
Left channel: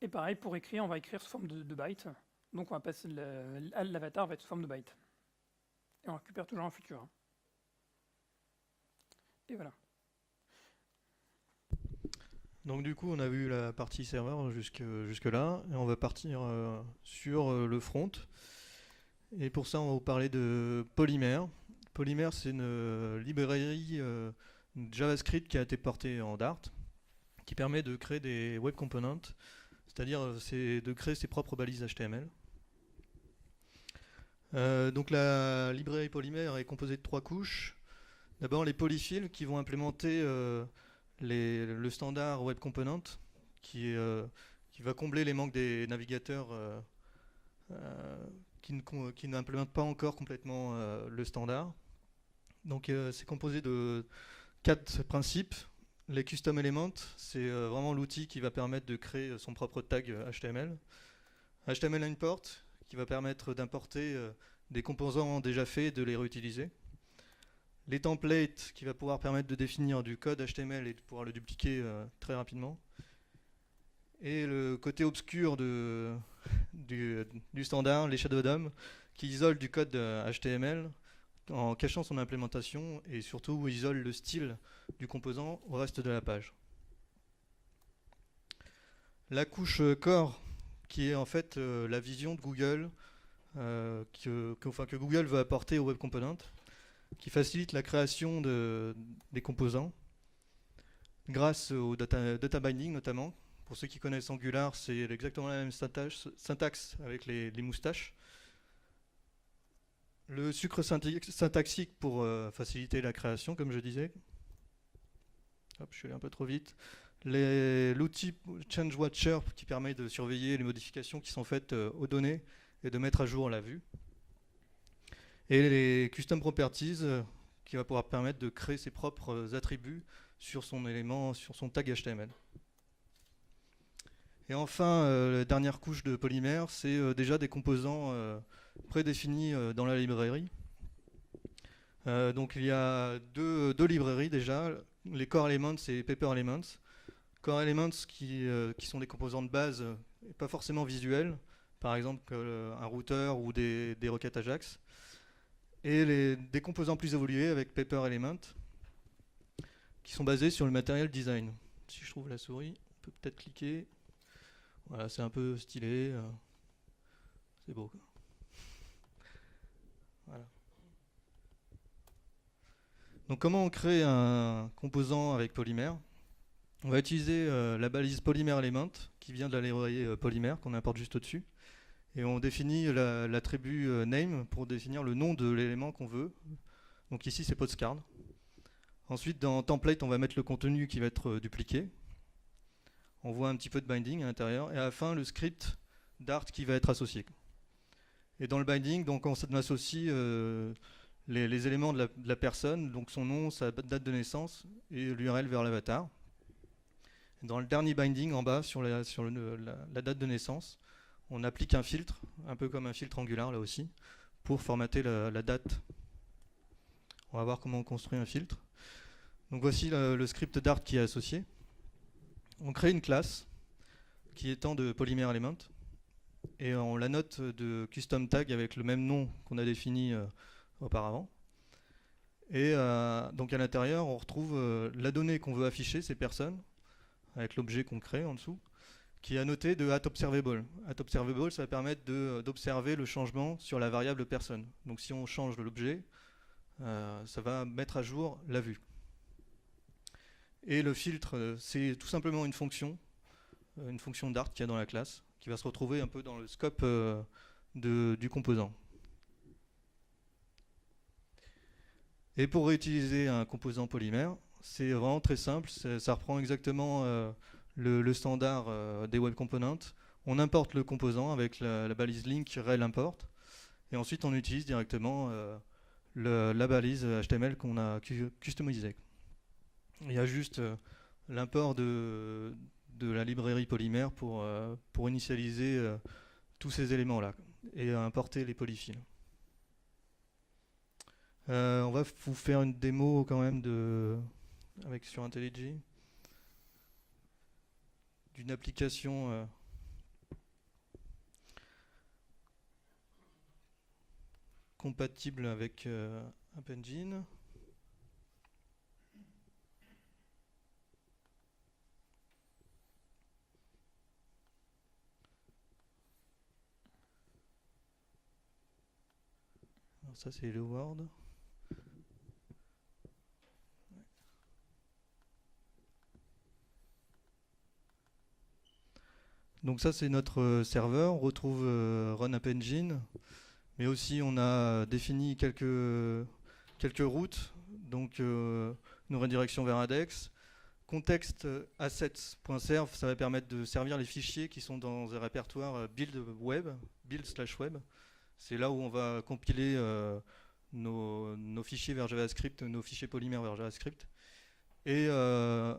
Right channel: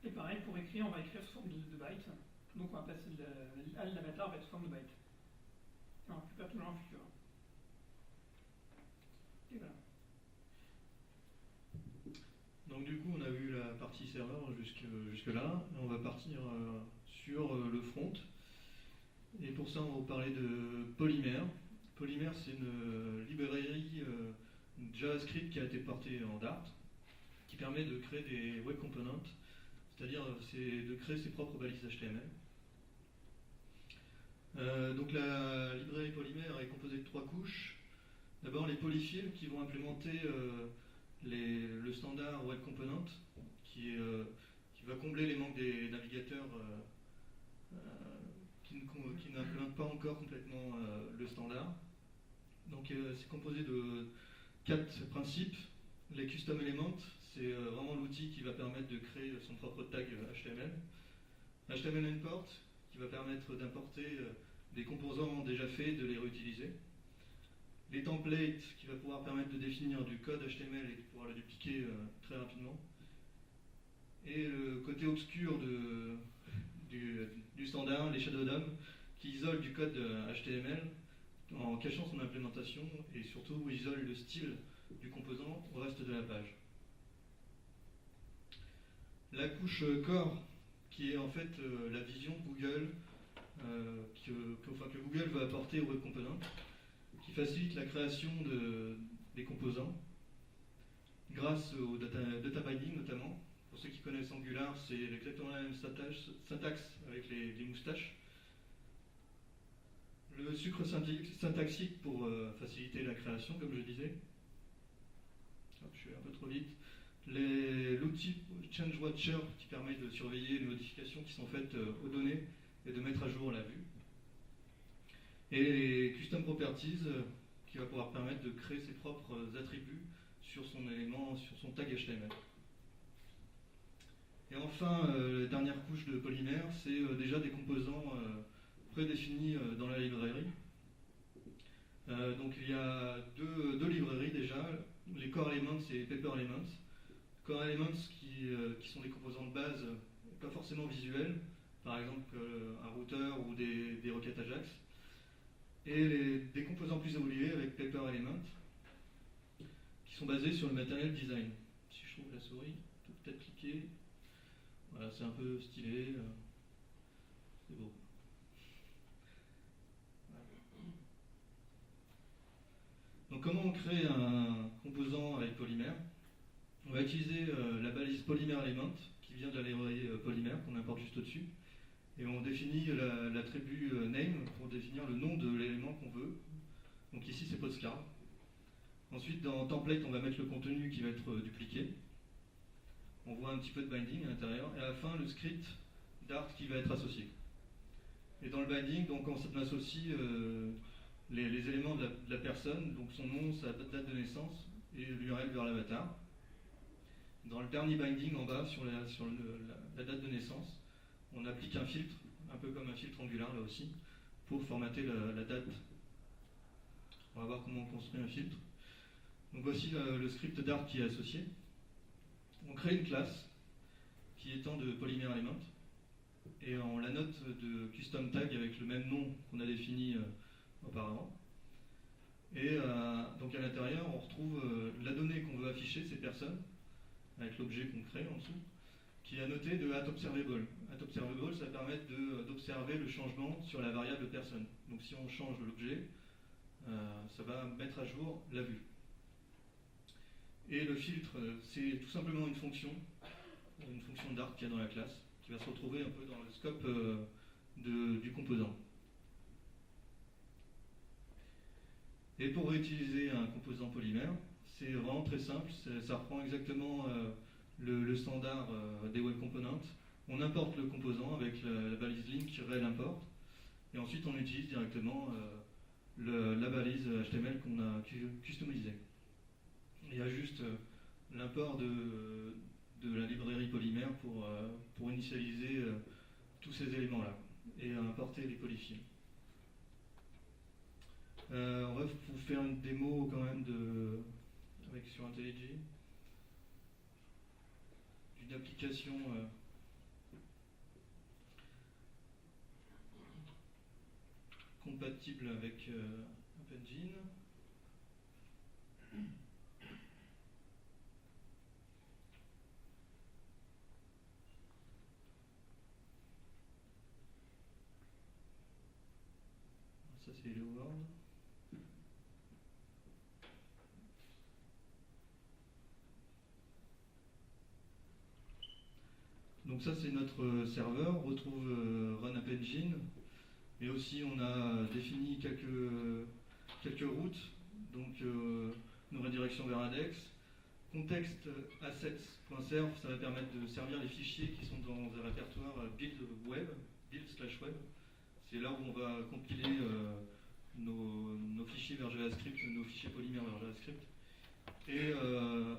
Et pareil, pour écrire, on va écrire sous forme de byte. Donc on va passer l'avatar va être sous forme de byte. Et on récupère toujours un futur. Et voilà. Donc du coup, on a vu la partie serveur jusque là, et on va partir sur le front. Et pour ça, on va vous parler de Polymer. Polymer, c'est une librairie JavaScript qui a été portée en Dart, qui permet de créer des web components, c'est-à-dire de créer ses propres balises HTML. Donc la librairie Polymer est composée de 3 couches. D'abord les polyfills qui vont implémenter le standard web component qui va combler les manques des navigateurs qui n'implémentent pas encore complètement le standard. Donc c'est composé de 4 principes. Les custom elements, c'est vraiment l'outil qui va permettre de créer son propre tag HTML. HTML import, qui va permettre d'importer des composants déjà faits et de les réutiliser. Les templates, qui va pouvoir permettre de définir du code HTML et de pouvoir le dupliquer très rapidement. Et le côté obscur du standard, les shadow DOM, qui isole du code HTML en cachant son implémentation et surtout isole le style du composant au reste de la page. La couche core, qui est en fait la vision de Google que Google veut apporter au web component, qui facilite la création des composants grâce au data binding notamment. Pour ceux qui connaissent Angular, c'est exactement la même syntaxe avec les moustaches. Le sucre syntaxique pour faciliter la création, comme je disais. Hop, je suis allé un peu trop vite. L'outil Change Watcher qui permet de surveiller les modifications qui sont faites aux données et de mettre à jour la vue. Et les Custom Properties qui va pouvoir permettre de créer ses propres attributs sur son élément, sur son tag HTML. Et enfin, la dernière couche de Polymer, c'est déjà des composants prédéfinis dans la librairie. Donc il y a deux librairies déjà, les Core Elements et Paper Elements. Core Elements qui sont des composants de base, pas forcément visuels, par exemple un routeur ou des requêtes Ajax. Et des composants plus évolués avec Paper Element, qui sont basés sur le matériel design. Si je trouve la souris, on peut peut-être cliquer. Voilà, c'est un peu stylé. C'est beau. Voilà. Donc comment on crée un composant avec Polymer? On va utiliser la balise Polymer Element, qui vient de la librairie Polymer, qu'on importe juste au-dessus. Et on définit l'attribut name pour définir le nom de l'élément qu'on veut. Donc ici c'est postcard. Ensuite dans template on va mettre le contenu qui va être dupliqué. On voit un petit peu de binding à l'intérieur. Et à la fin le script Dart qui va être associé. Et dans le binding donc on associe les éléments de la personne, donc son nom, sa date de naissance et l'URL vers l'avatar. Dans le dernier binding en bas sur la date de naissance, on applique un filtre, un peu comme un filtre Angular là aussi, pour formater la date. On va voir comment on construit un filtre. Donc voici le script Dart qui est associé. On crée une classe qui étend de Polymer Element et on la note de custom tag avec le même nom qu'on a défini auparavant. Et donc à l'intérieur, on retrouve la donnée qu'on veut afficher, ces personnes, avec l'objet qu'on crée en dessous, qui est annoté de @observable. @observable, ça va permettre d'observer le changement sur la variable personne. Donc si on change l'objet, ça va mettre à jour la vue. Et le filtre, c'est tout simplement une fonction Dart qu'il y a dans la classe, qui va se retrouver un peu dans le scope du composant. Et pour réutiliser un composant polymère, c'est vraiment très simple, ça reprend exactement le standard des web components. On importe le composant avec la balise link rel import, et ensuite on utilise directement la balise HTML qu'on a customisée. Il y a juste l'import de la librairie polymère pour initialiser tous ces éléments-là et importer les polyfills. On va vous faire une démo quand même sur IntelliJ d'une application compatible avec App Engine. Alors ça c'est Hello World. Donc ça c'est notre serveur, on retrouve Run App Engine, mais aussi on a défini quelques routes, donc nos redirections vers index. Context assets.serve, ça va permettre de servir les fichiers qui sont dans un répertoire build/web. C'est là où on va compiler nos fichiers vers JavaScript, nos fichiers polymères vers JavaScript. Et la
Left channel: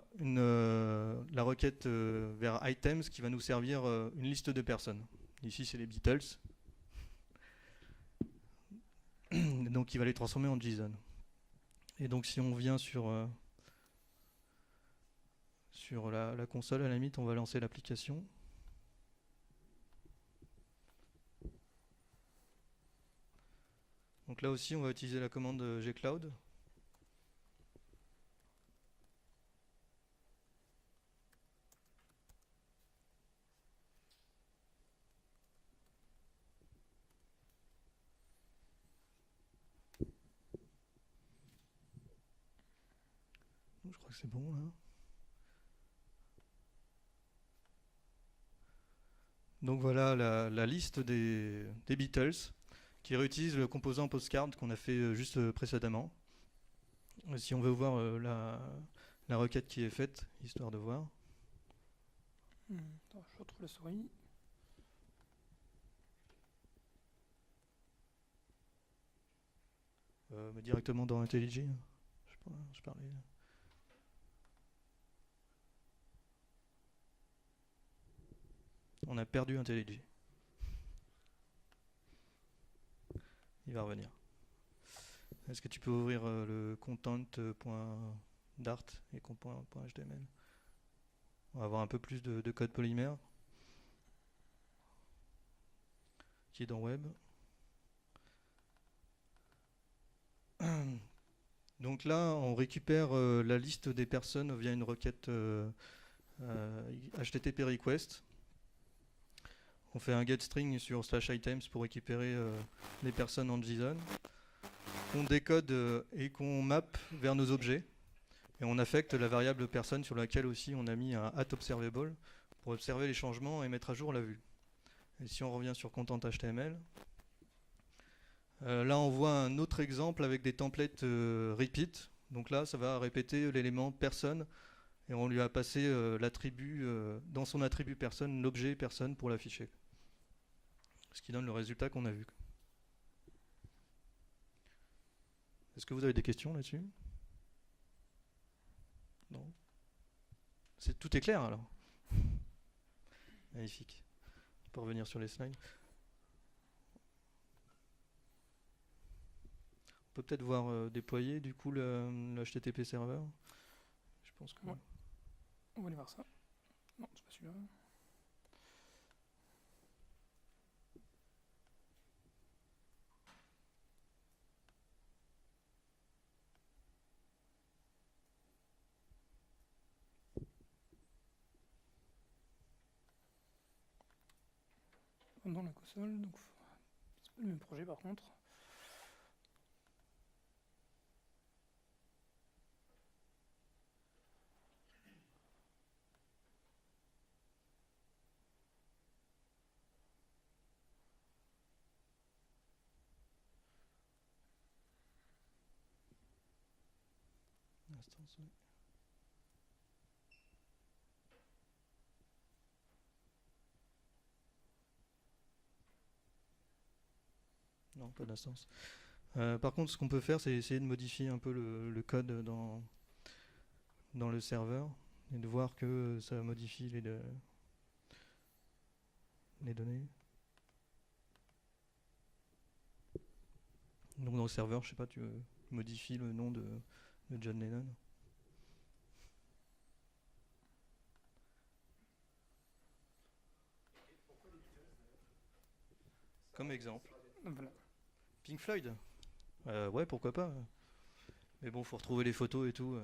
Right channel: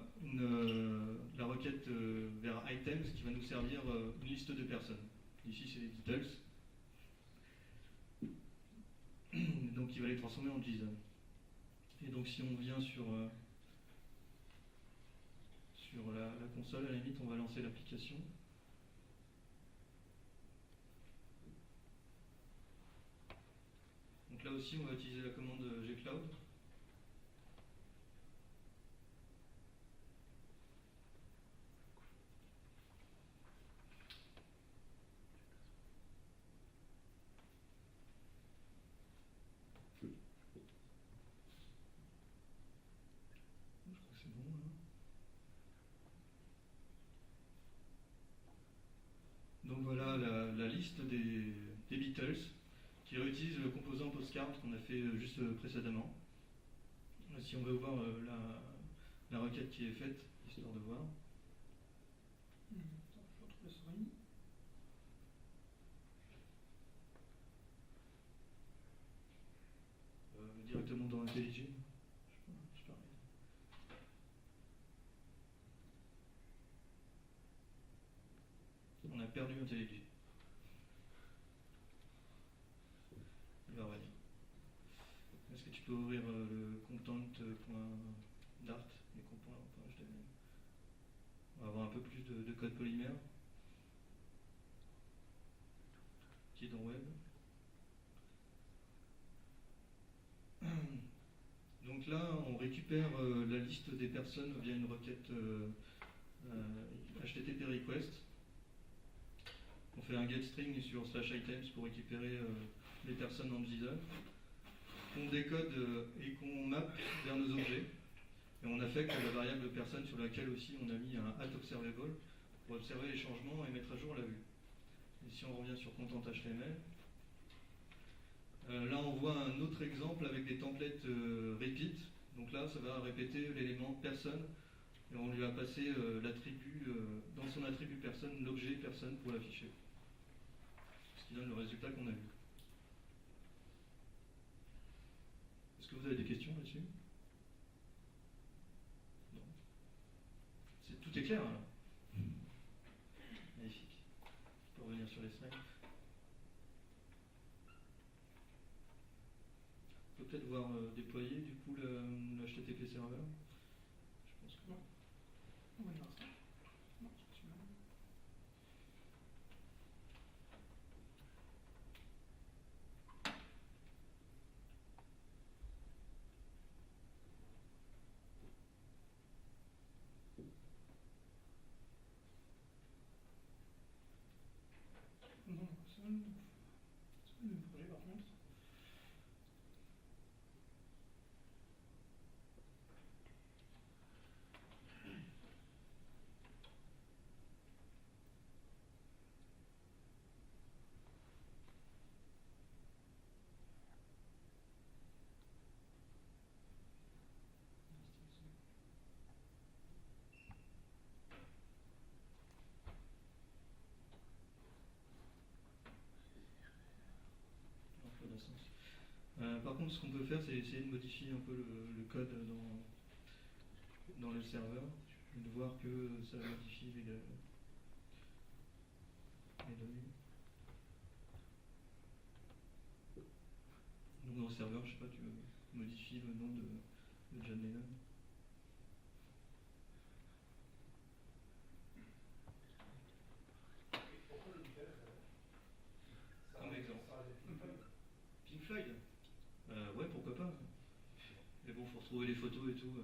requête vers items qui va nous servir une liste de personnes. Ici c'est les Beatles. Donc il va les transformer en JSON. Et donc si on vient sur la console, à la limite on va lancer l'application. Donc là aussi on va utiliser la commande gcloud. Je crois que c'est bon là. Donc voilà la liste des Beatles qui réutilise le composant postcard qu'on a fait juste précédemment. Si on veut voir la requête qui est faite, histoire de voir. Attends, je retrouve la souris. Directement dans IntelliJ. Je parlais. On a perdu IntelliJ. Il va revenir. Est-ce que tu peux ouvrir le content.dart et .html? On va avoir un peu plus de code polymère qui est dans web. Donc là, on récupère la liste des personnes via une requête HTTP request. On fait un getString sur /items pour récupérer les personnes en JSON. On décode et qu'on map vers nos objets. Et on affecte la variable personne sur laquelle aussi on a mis un @observable pour observer les changements et mettre à jour la vue. Et si on revient sur content HTML, là on voit un autre exemple avec des templates repeat. Donc là ça va répéter l'élément personne et on lui a passé l'attribut dans son attribut personne, l'objet personne pour l'afficher. Ce qui donne le résultat qu'on a vu. Est-ce que vous avez des questions là-dessus? Non. Tout est clair alors. Magnifique. Pour revenir sur les slides. On peut peut-être voir déployer du coup le HTTP serveur. Je pense que. Ouais. On va aller voir ça. Non, c'est pas celui-là. Dans la console, donc c'est pas le même projet par contre. Non, pas d'instance. Par contre, ce qu'on peut faire, c'est essayer de modifier un peu le code dans le serveur et de voir que ça modifie les données. Donc dans le serveur, je sais pas, tu modifies le nom de John Lennon. Comme exemple. Pink Floyd. Ouais, pourquoi pas. Mais bon, faut retrouver les photos et tout.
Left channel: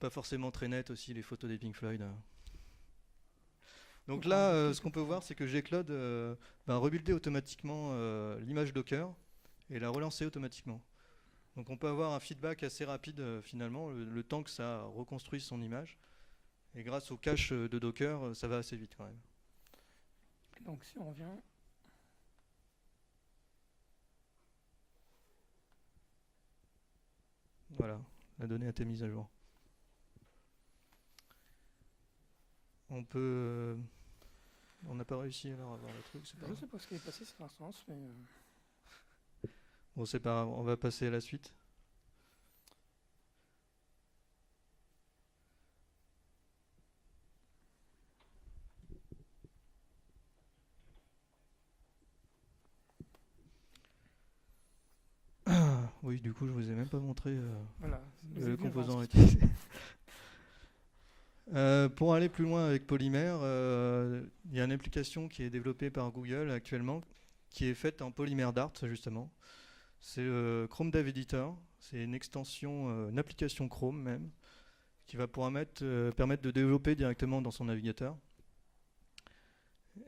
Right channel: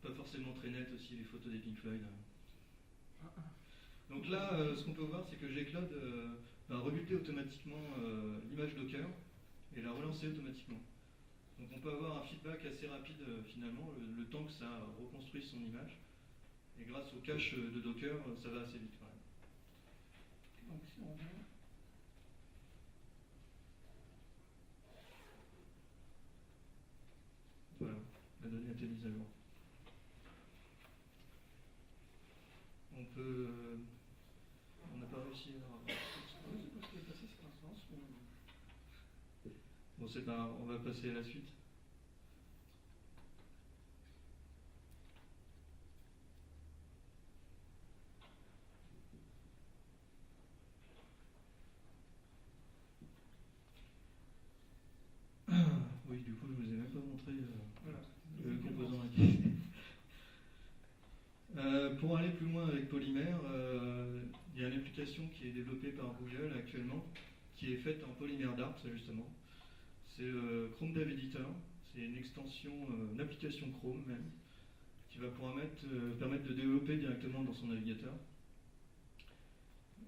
Pas forcément très net aussi les photos des Pink Floyd. Donc là, ce qu'on peut voir, c'est que Gcloud rebuilder automatiquement l'image Docker et la relancer automatiquement. Donc on peut avoir un feedback assez rapide finalement, le temps que ça reconstruise son image. Et grâce au cache de Docker, ça va assez vite quand même. Donc si on revient... Voilà, la donnée a été mise à jour. On peut... on n'a pas réussi à avoir la truc, c'est pas Je grave. sais pas ce qui est passé ces instances, mais... Bon, c'est pas grave, on va passer à la suite. Oui, du coup, je vous ai même pas montré Voilà, le composant utilisé. Pour aller plus loin avec Polymère, il y a une application qui est développée par Google actuellement, qui est faite en Polymère Dart justement. C'est Chrome Dev Editor, c'est une extension, une application Chrome même, qui va pouvoir permettre de développer directement dans son navigateur.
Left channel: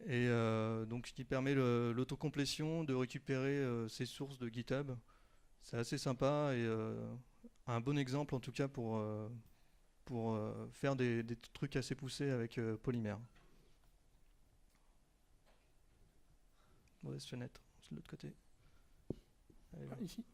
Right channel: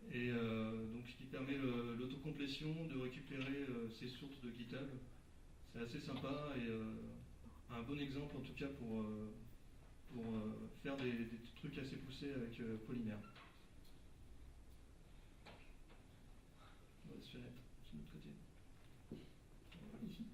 Et donc ce qui permet l'autocomplétion, de récupérer ses sources de GitHub. C'est assez sympa et un bon exemple en tout cas pour faire des trucs assez poussés avec Polymère. Mauvaise fenêtre, c'est de l'autre côté. Ici.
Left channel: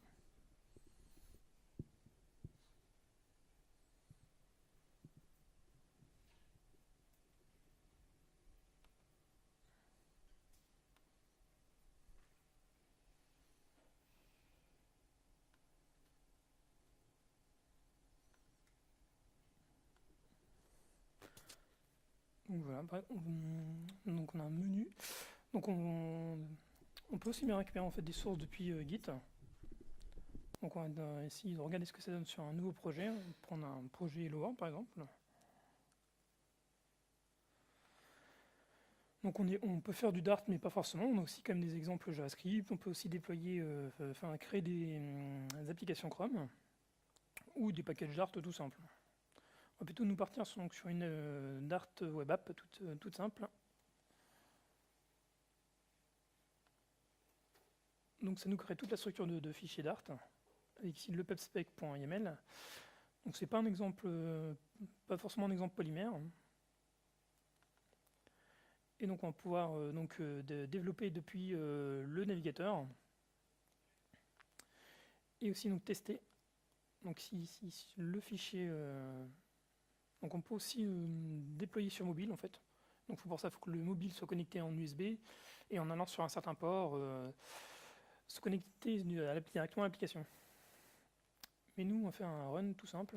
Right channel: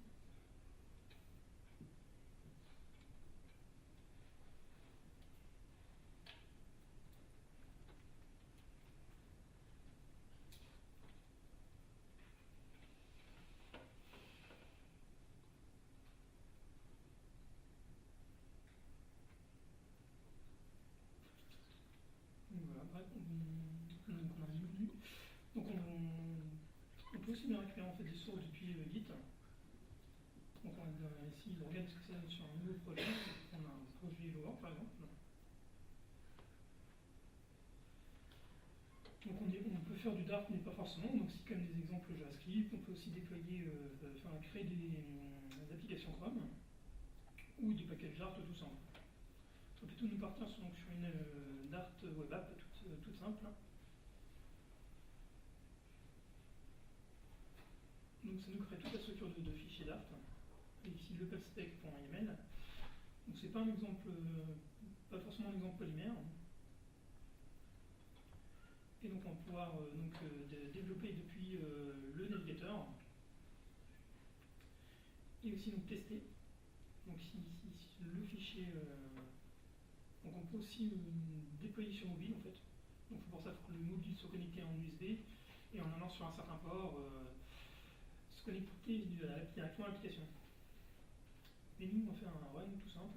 Donc voilà, donc on a un menu. Donc on peut aussi bien récupérer en fait des sources depuis Git. Donc on va essayer de regarder ce que ça donne sur un nouveau projet. Je vais prendre un projet Hello World par exemple. Donc on peut faire du Dart mais pas forcément, on a aussi quand même des exemples JavaScript, on peut aussi déployer, créer des applications Chrome ou des packages Dart tout simples. On va plutôt nous partir sur une Dart web app toute simple. Donc ça nous crée toute la structure de fichiers Dart avec ici le pubspec.yml. Donc c'est pas un exemple, pas forcément un exemple polymère. Et donc on va pouvoir développer depuis le navigateur et aussi donc tester. Donc si le fichier, donc on peut aussi déployer sur mobile en fait. Donc pour ça, il faut que le mobile soit connecté en USB et en allant sur un certain port, se connecter directement à l'application. Mais nous, on va faire un run tout simple.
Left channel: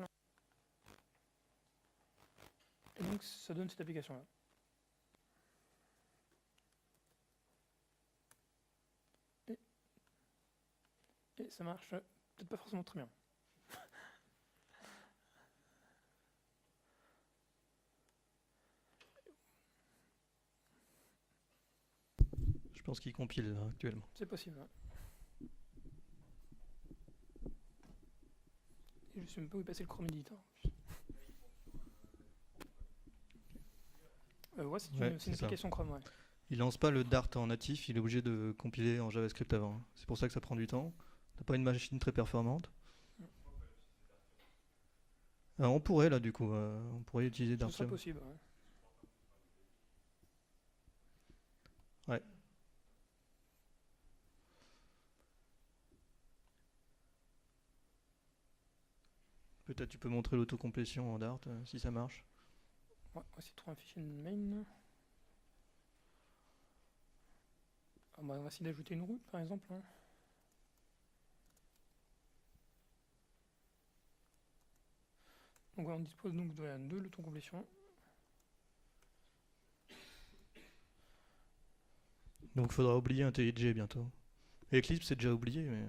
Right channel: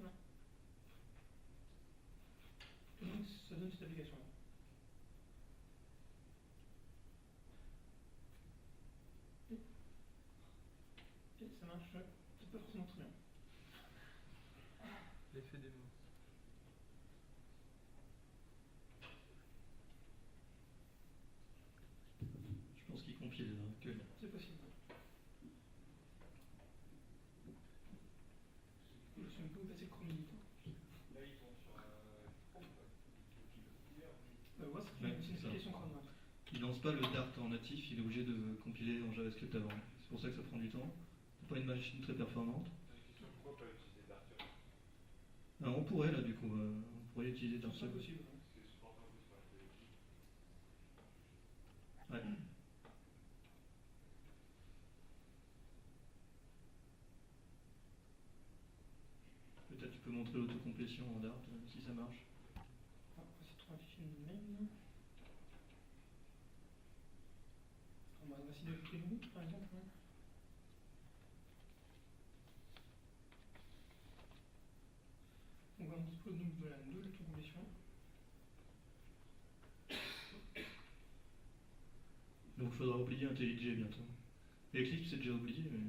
Et donc ça donne cette application-là. Et ça marche peut-être pas forcément très bien. L'effet démo. Je pense qu'il compile actuellement. C'est possible. Et je sais même pas où est passé le Chrome Editor. Ouais, c'est une application Chrome, ouais. Il lance pas le Dart en natif, il est obligé de compiler en JavaScript avant. C'est pour ça que ça prend du temps. T'as pas une machine très performante. On pourrait là du coup, on pourrait utiliser Dart. C'est possible. Ouais. Peut-être tu peux montrer l'autocomplétion en Dart si ça marche. Ouais, on va essayer de trouver un fichier main. On va essayer d'ajouter une route par exemple. Donc on dispose donc de l'autocomplétion. Donc il faudra oublier IntelliJ bientôt. Eclipse c'est déjà oublié mais...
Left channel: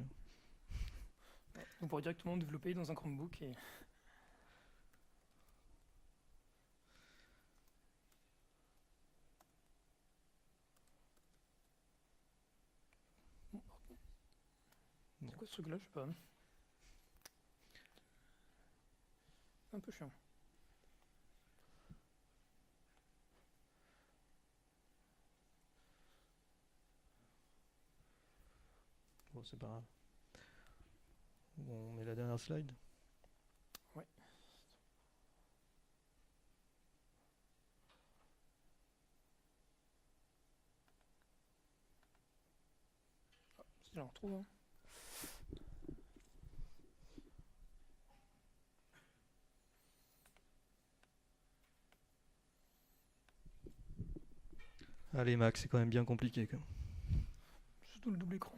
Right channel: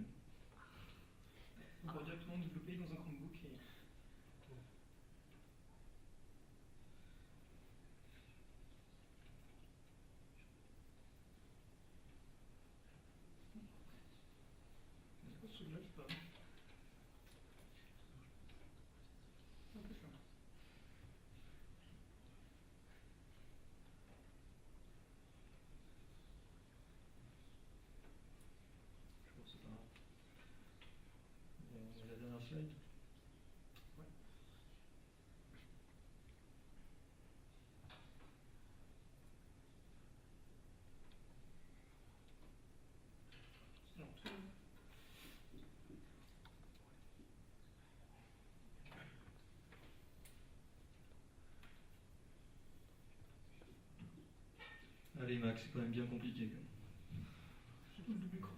On pourra directement développer dans un Chromebook et... C'est quoi ce truc là, je sais pas. Un peu chiant. Bon, c'est pas grave. On est la dernière slide. Ouais. C'est déjà retrouvé. Allez Max, c'est quand même bien compliqué. Surtout le double écran.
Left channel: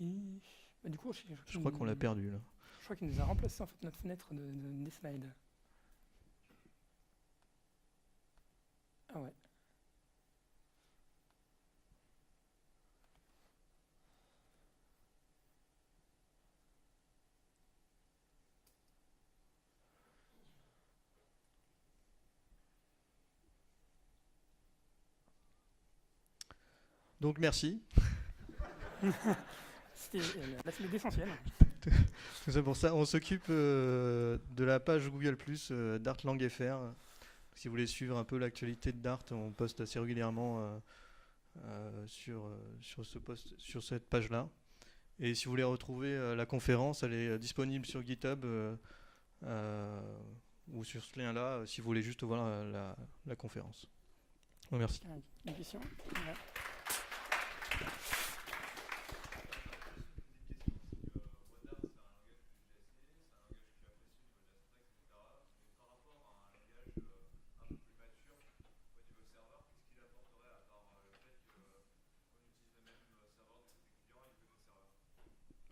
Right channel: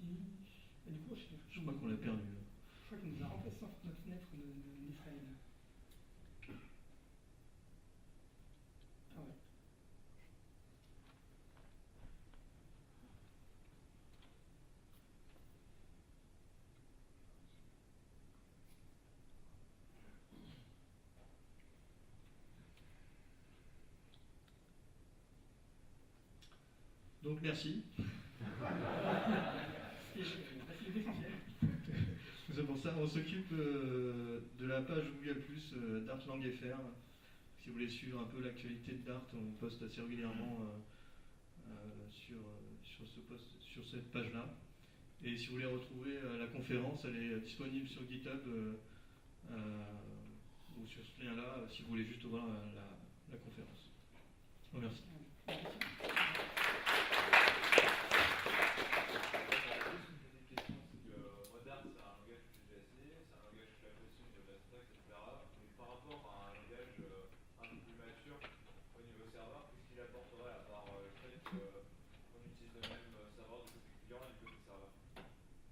Et bah, du coup, je crois qu'on l'a perdu là. Je crois qu'il nous a remplacé en fait notre fenêtre des slides. Ah ouais. Donc merci. C'est l'essentiel. C'est pour ça, on s'occupe de la page Google+, Dart Lang FR. Si vous voulez suivre un peu l'actualité de Dart, on poste assez régulièrement sur cette page-là. Et si vous voulez retrouver la conférence, elle est disponible sur GitHub ou sur ce lien-là, si vous voulez juste voir la conférence. Bon, merci. Des questions ?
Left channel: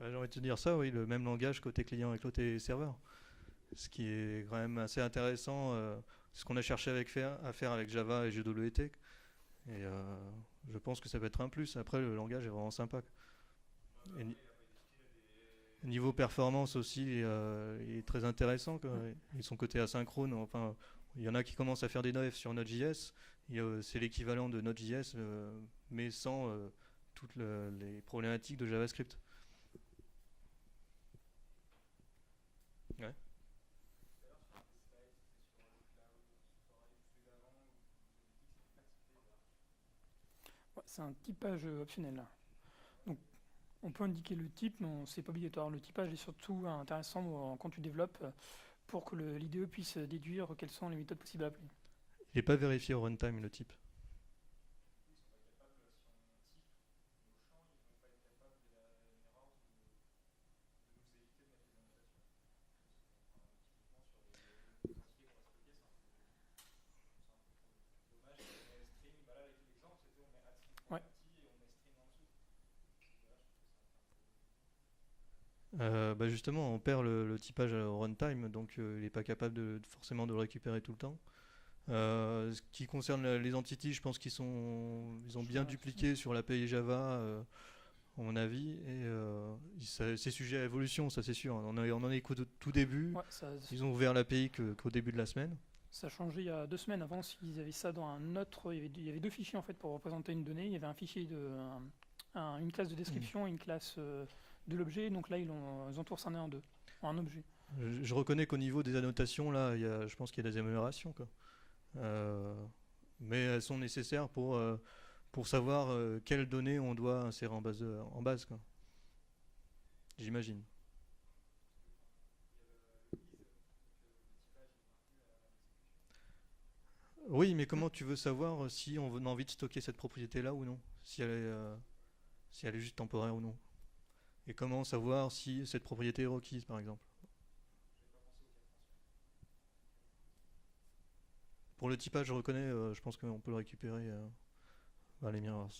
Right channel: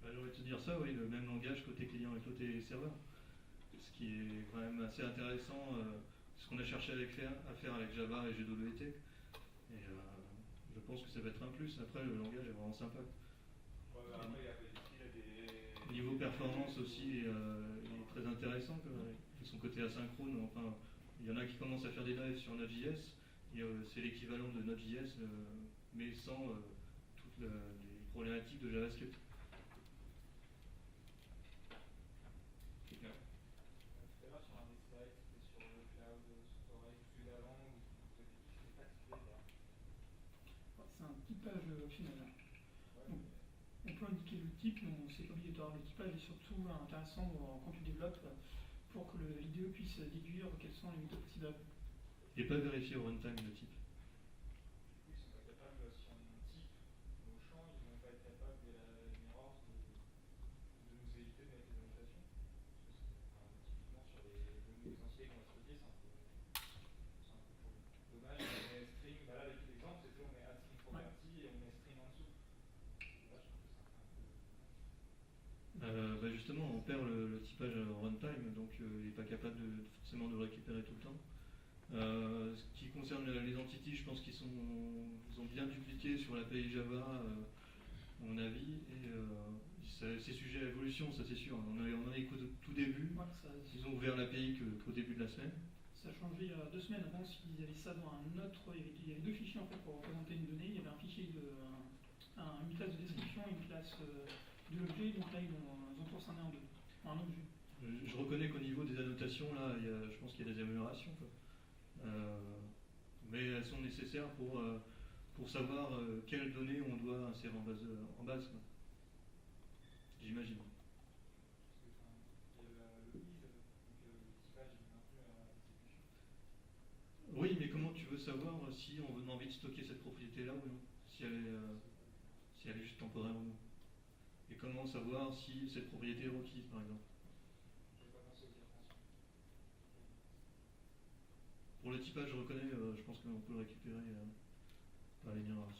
J'ai envie de te dire ça, oui, le même langage côté client et côté serveur. Ce qui est quand même assez intéressant, ce qu'on a cherché à faire avec Java et GWT. Et je pense que ça va être un plus. Après, le langage est vraiment sympa. Et niveau performance aussi, il est très intéressant, quoi. Et son côté asynchrone, enfin, il y en a qui commencent à faire des devs sur Node.js. C'est l'équivalent de Node.js, mais sans toutes les problématiques de JavaScript. Ouais. Ouais, c'est un typage optionnel là. Donc, on peut indiquer le type, mais c'est pas obligatoire. Le typage est surtout intéressant quand tu développes pour que l'IDE puisse déduire quelles sont les méthodes possibles à appeler. Il n'est pas vérifié au runtime le type. Ouais. Bah justement, on perd le typage au runtime, donc il n'est pas capable forcément de le récupérer tout le temps. Ce qui concerne les entities, je pense ils ont bien dupliqué sur l'API Java, à mon avis, et c'est sujet à évolution, ça c'est sûr. On en est qu'au tout début. Ouais, ils ont ouvert l'API qu'au début de la semaine. Ça a changé il y a 2 semaines. Avant, ils avaient ça dans un autre. Il y avait 2 fichiers en fait pour représenter une donnée. Il y avait un fichier une classe de description et une classe de l'objet. Donc là, ils ont tout rescindé en deux, en un objet. Je reconnais qu'au niveau des annotations, là, je pense qu'il y a des améliorations, quoi. Mais elles sont nécessaires pour savoir quelles données on doit insérer en base, quoi. J'imagine. Oui, mais comment tu veux savoir si on a envie de stocker cette propriété-là ou non, si elle est juste temporaire ou non? Et comment savoir si cette propriété est requise, par exemple? Pour le typage, je reconnais, je pense qu'on peut le récupérer dans les mirrors.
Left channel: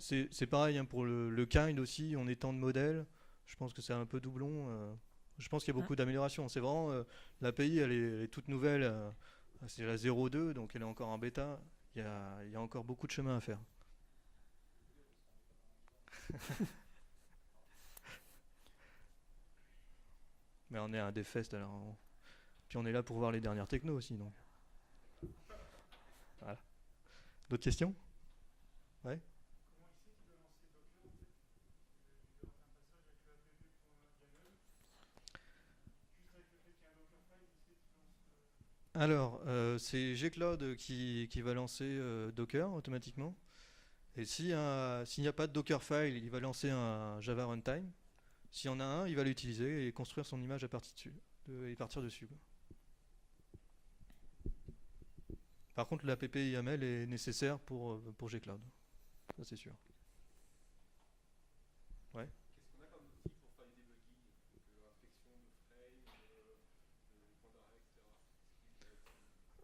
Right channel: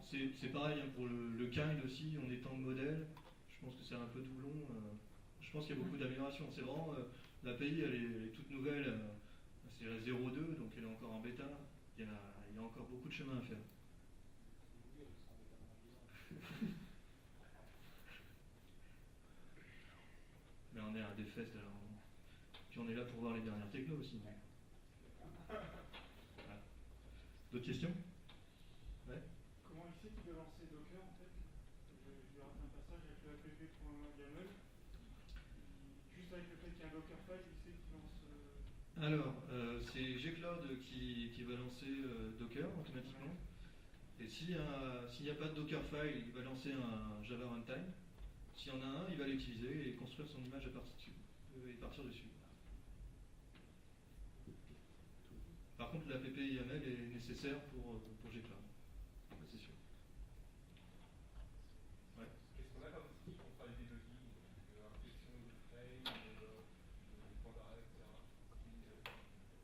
C'est pareil, hein, pour le kind aussi, on étend de modèle. Je pense que c'est un peu doublon. Je pense qu'il y a beaucoup d'améliorations. C'est vraiment, l'API, elle est toute nouvelle. C'est la 0.2, donc elle est encore en bêta. Il y a encore beaucoup de chemin à faire. Mais on est à un DevFest alors. Puis on est là pour voir les dernières technos aussi, non? Voilà. D'autres questions? Ouais. Comment il sait qu'il doit lancer Docker en fait? Je lui rate un passage avec le app.yaml. Juste avec le fait qu'il y a un Dockerfile, il sait qu'il lance. Alors, c'est Gcloud qui va lancer Docker automatiquement. Et s'il n'y a pas de Dockerfile, il va lancer un Java Runtime. S'il y en a un, il va l'utiliser et construire son image à partir dessus. Par contre, l'app YAML est nécessaire pour Gcloud. Ça, c'est sûr. Ouais. Qu'est-ce qu'on a comme outil pour faire les debugging, question de frame, de points d'arrêt, etc.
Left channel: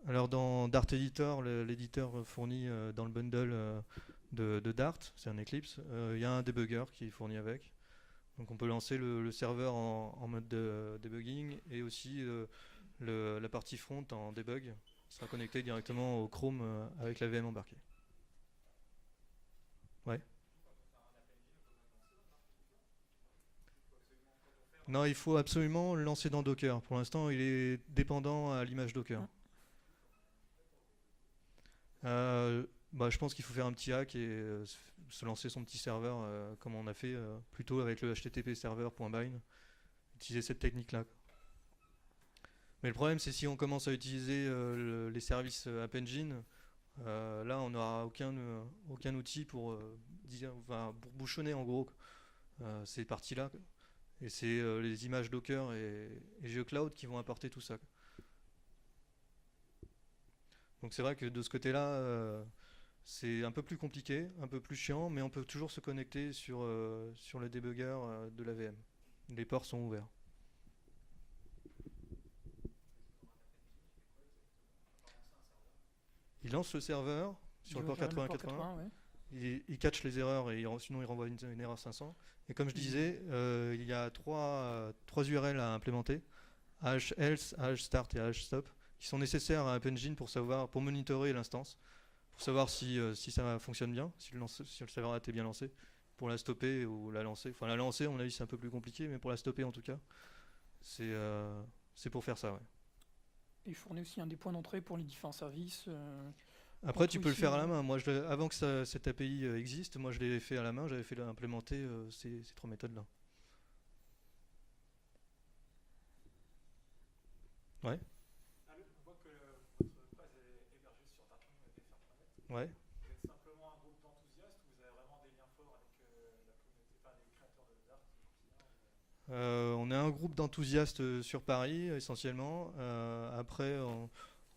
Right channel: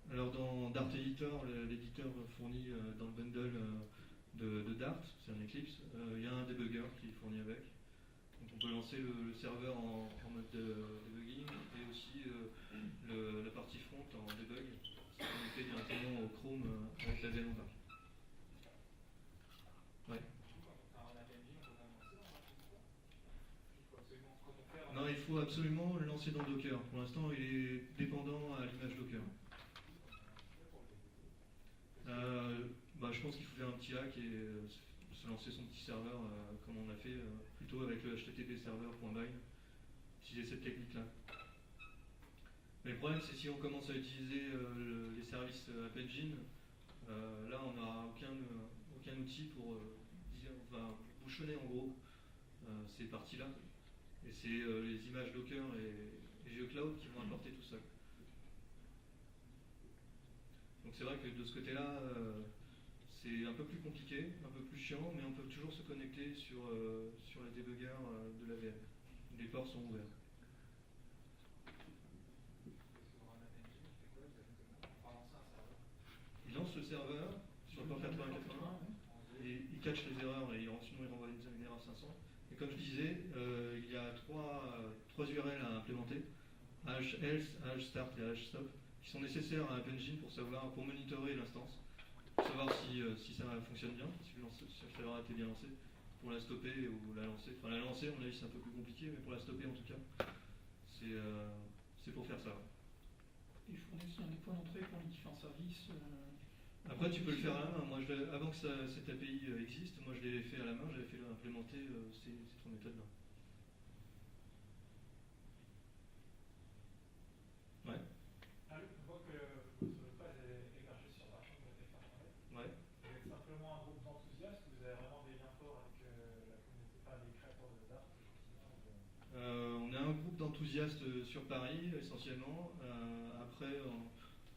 Alors dans Dart Editor, l'éditeur fourni dans le bundle de Dart, c'est un Eclipse, il y a un debugger qui est fourni avec. Donc on peut lancer le serveur en mode debugging et aussi la partie front en debug, sera connecté directement au Chrome avec la VM embarquée. Ouais. Non, il faut absolument le lancer dans Docker. Pour l'instant, il est dépendant à l'image Docker. Je pense qu'il faut faire un petit hack et se lancer son petit serveur comme on a fait plutôt avec le http server.bind. Utiliser cette technique-là. Mais le problème, c'est si on commence à utiliser les services App Engine, là, on n'aura aucun outil pour bouchonner en gros ces parties-là. Et c'est les images Docker et GeoCloud qui vont apporter tout ça. Donc c'est vrai que de ce côté-là, c'est un peu plus compliqué, un peu plus chiant, mais on peut toujours se connecter sur le debugger de la VM. Les ports sont ouverts. Il lance le serveur sur le port 8080, il catch les erreurs et sinon il renvoie une erreur 500. Et comme je disais, il y a trois URL à implémenter, else, start et stop, qui sont nécessaires à App Engine pour monitorer l'instance, pour savoir si ça fonctionne bien, si le serveur a été bien lancé, pour la stopper ou la lancer. Enfin, la lancer, on a dit c'est un peu plus compliqué, mais pour la stopper en tout cas, c'est pour faire ça. Ouais. Et il fournit aussi des points d'entrée pour les différents services. Après, tu peux le faire à la main. Moi, avant que cette API existe, moi je l'ai fait à la main, j'avais fait implémenter ces 3 méthodes-là. Ouais. Ah, on voit que votre presse est hébergée sur Dart Internet. Ouais. Vous êtes simplement un groupe d'enthousiastes ou vous avez vraiment des liens forts avec la communauté, pas les créateurs de Dart au quotidien On est un groupe d'enthousiastes sur Paris essentiellement. Après,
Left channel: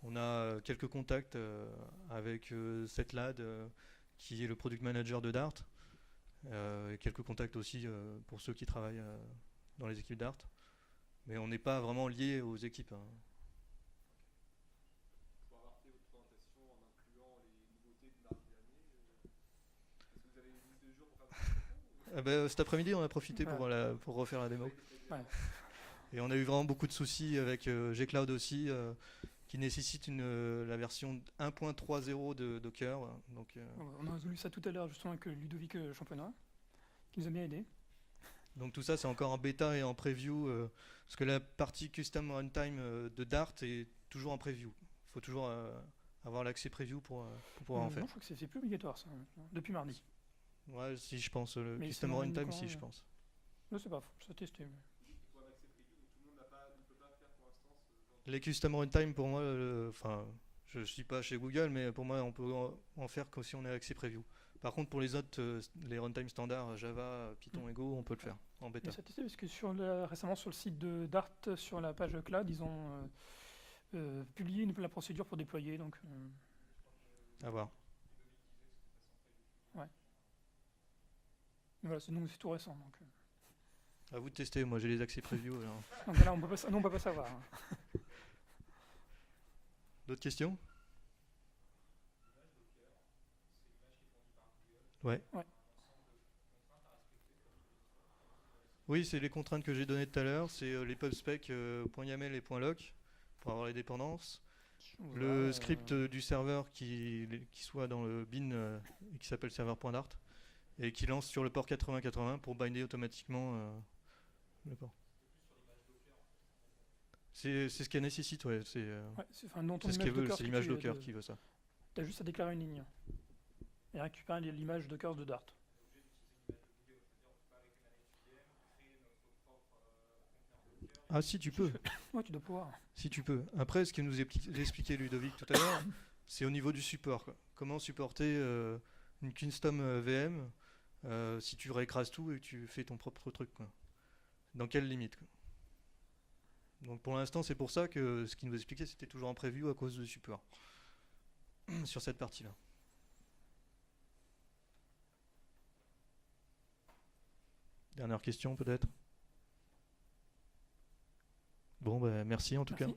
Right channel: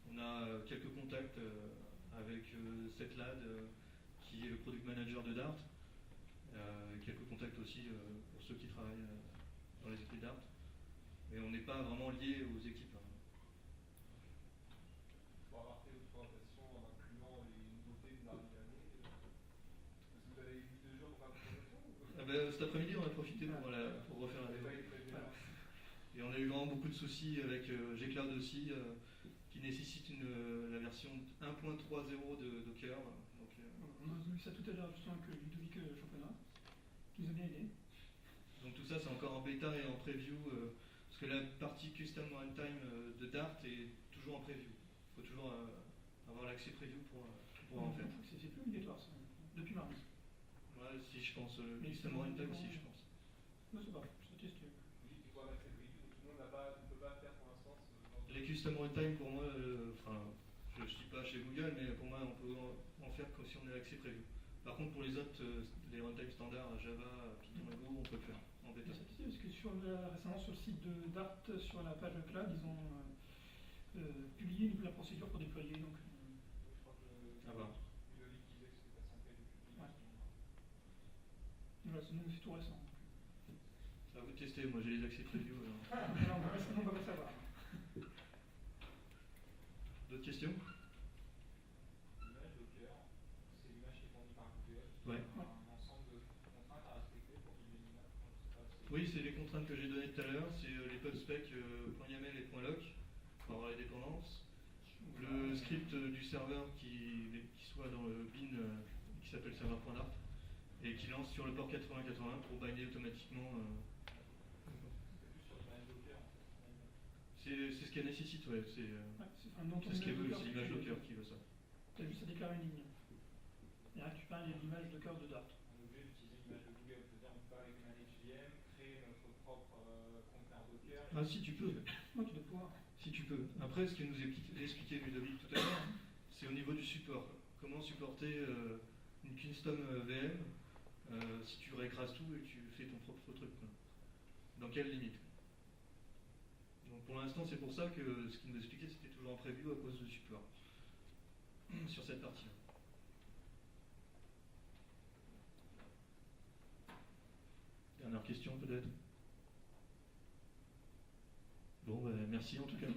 on a quelques contacts avec Setlad, qui est le product manager de Dart. Et quelques contacts aussi pour ceux qui travaillent dans les équipes Dart. Mais on n'est pas vraiment lié aux équipes. Hein. Pour avoir fait votre présentation en incluant les nouveautés de l'arrivée de l'année, est-ce que vous avez mis des jours pour faire la présentation Cet après-midi, on a profité Ouais. pour refaire la démo. Ouais. Et on a eu vraiment beaucoup de soucis avec Gcloud aussi, qui nécessite la version 1.30 de Docker. Donc, On a vu ça tout à l'heure justement avec Ludovic Champenois, qui nous a bien aidé. donc tout ça, c'est encore en bêta et en preview, parce que la partie custom runtime de Dart est toujours en preview. Il faut toujours avoir l'accès preview pour pouvoir en faire. Je crois que c'est plus obligatoire ça, depuis mardi. Ouais, si je pense, le Mais custom sinon, runtime, quand- si je pense. Non, c'est pas faux, ça testé. Il faut un accès privé, donc tout le monde ne peut pas faire pour l'instant. Les custom runtime, pour moi, je ne suis pas chez Google, mais pour moi, on peut en faire que si on a accès preview. Par contre, pour les autres, les runtime standards, Java, Python et Go, on peut le faire en bêta. Mais ça testé parce que récemment sur le site de Dart, sur la page cloud, ils ont publié la procédure pour déployer. Donc, À voir. Ouais. voilà, c'est tout récent. À vous de tester, moi j'ai les accès preview. Alors. Donc là, on peut pas savoir. D'autres questions? L'image Docker, c'est l'image qui est fournie par Google. Ouais. Ouais. Un ensemble de contraintes à respecter pour qu'il y ait une image. Oui, c'est les contraintes que j'ai données tout à l'heure, c'est les pubspec .yaml et .loc pour avoir les dépendances. Le script du serveur qui soit dans le bin qui s'appelle serveur.dart et qui lance sur le port 8080 pour binder automatiquement. D'accord. C'est ce qu'elle nécessite, ouais. C'est ce qu'elle veut, c'est l'image Docker qui veut ça. Tu as juste à déclarer une ligne et récupérer l'image Docker de Dart. On est obligé d'utiliser l'image de Google, c'est-à-dire on peut pas avec ManageVM créer notre propre conteneur Docker. Ah si, tu peux. Oui, tu dois pouvoir. Si tu peux. Après, ce que nous a expliqué Ludovic tout à l'heure, c'est au niveau du support. Quoi. Comment supporter une custom VM si tu réécrases tout et que tu fais ton propre truc. Quoi. Dans quelle limite quoi. Donc pour l'instant, c'est pour ça que ce qu'il nous expliquait, c'était toujours en preview à cause du support. Sur cette partie-là. Dernière question peut-être. Bon, bah, merci en tout cas.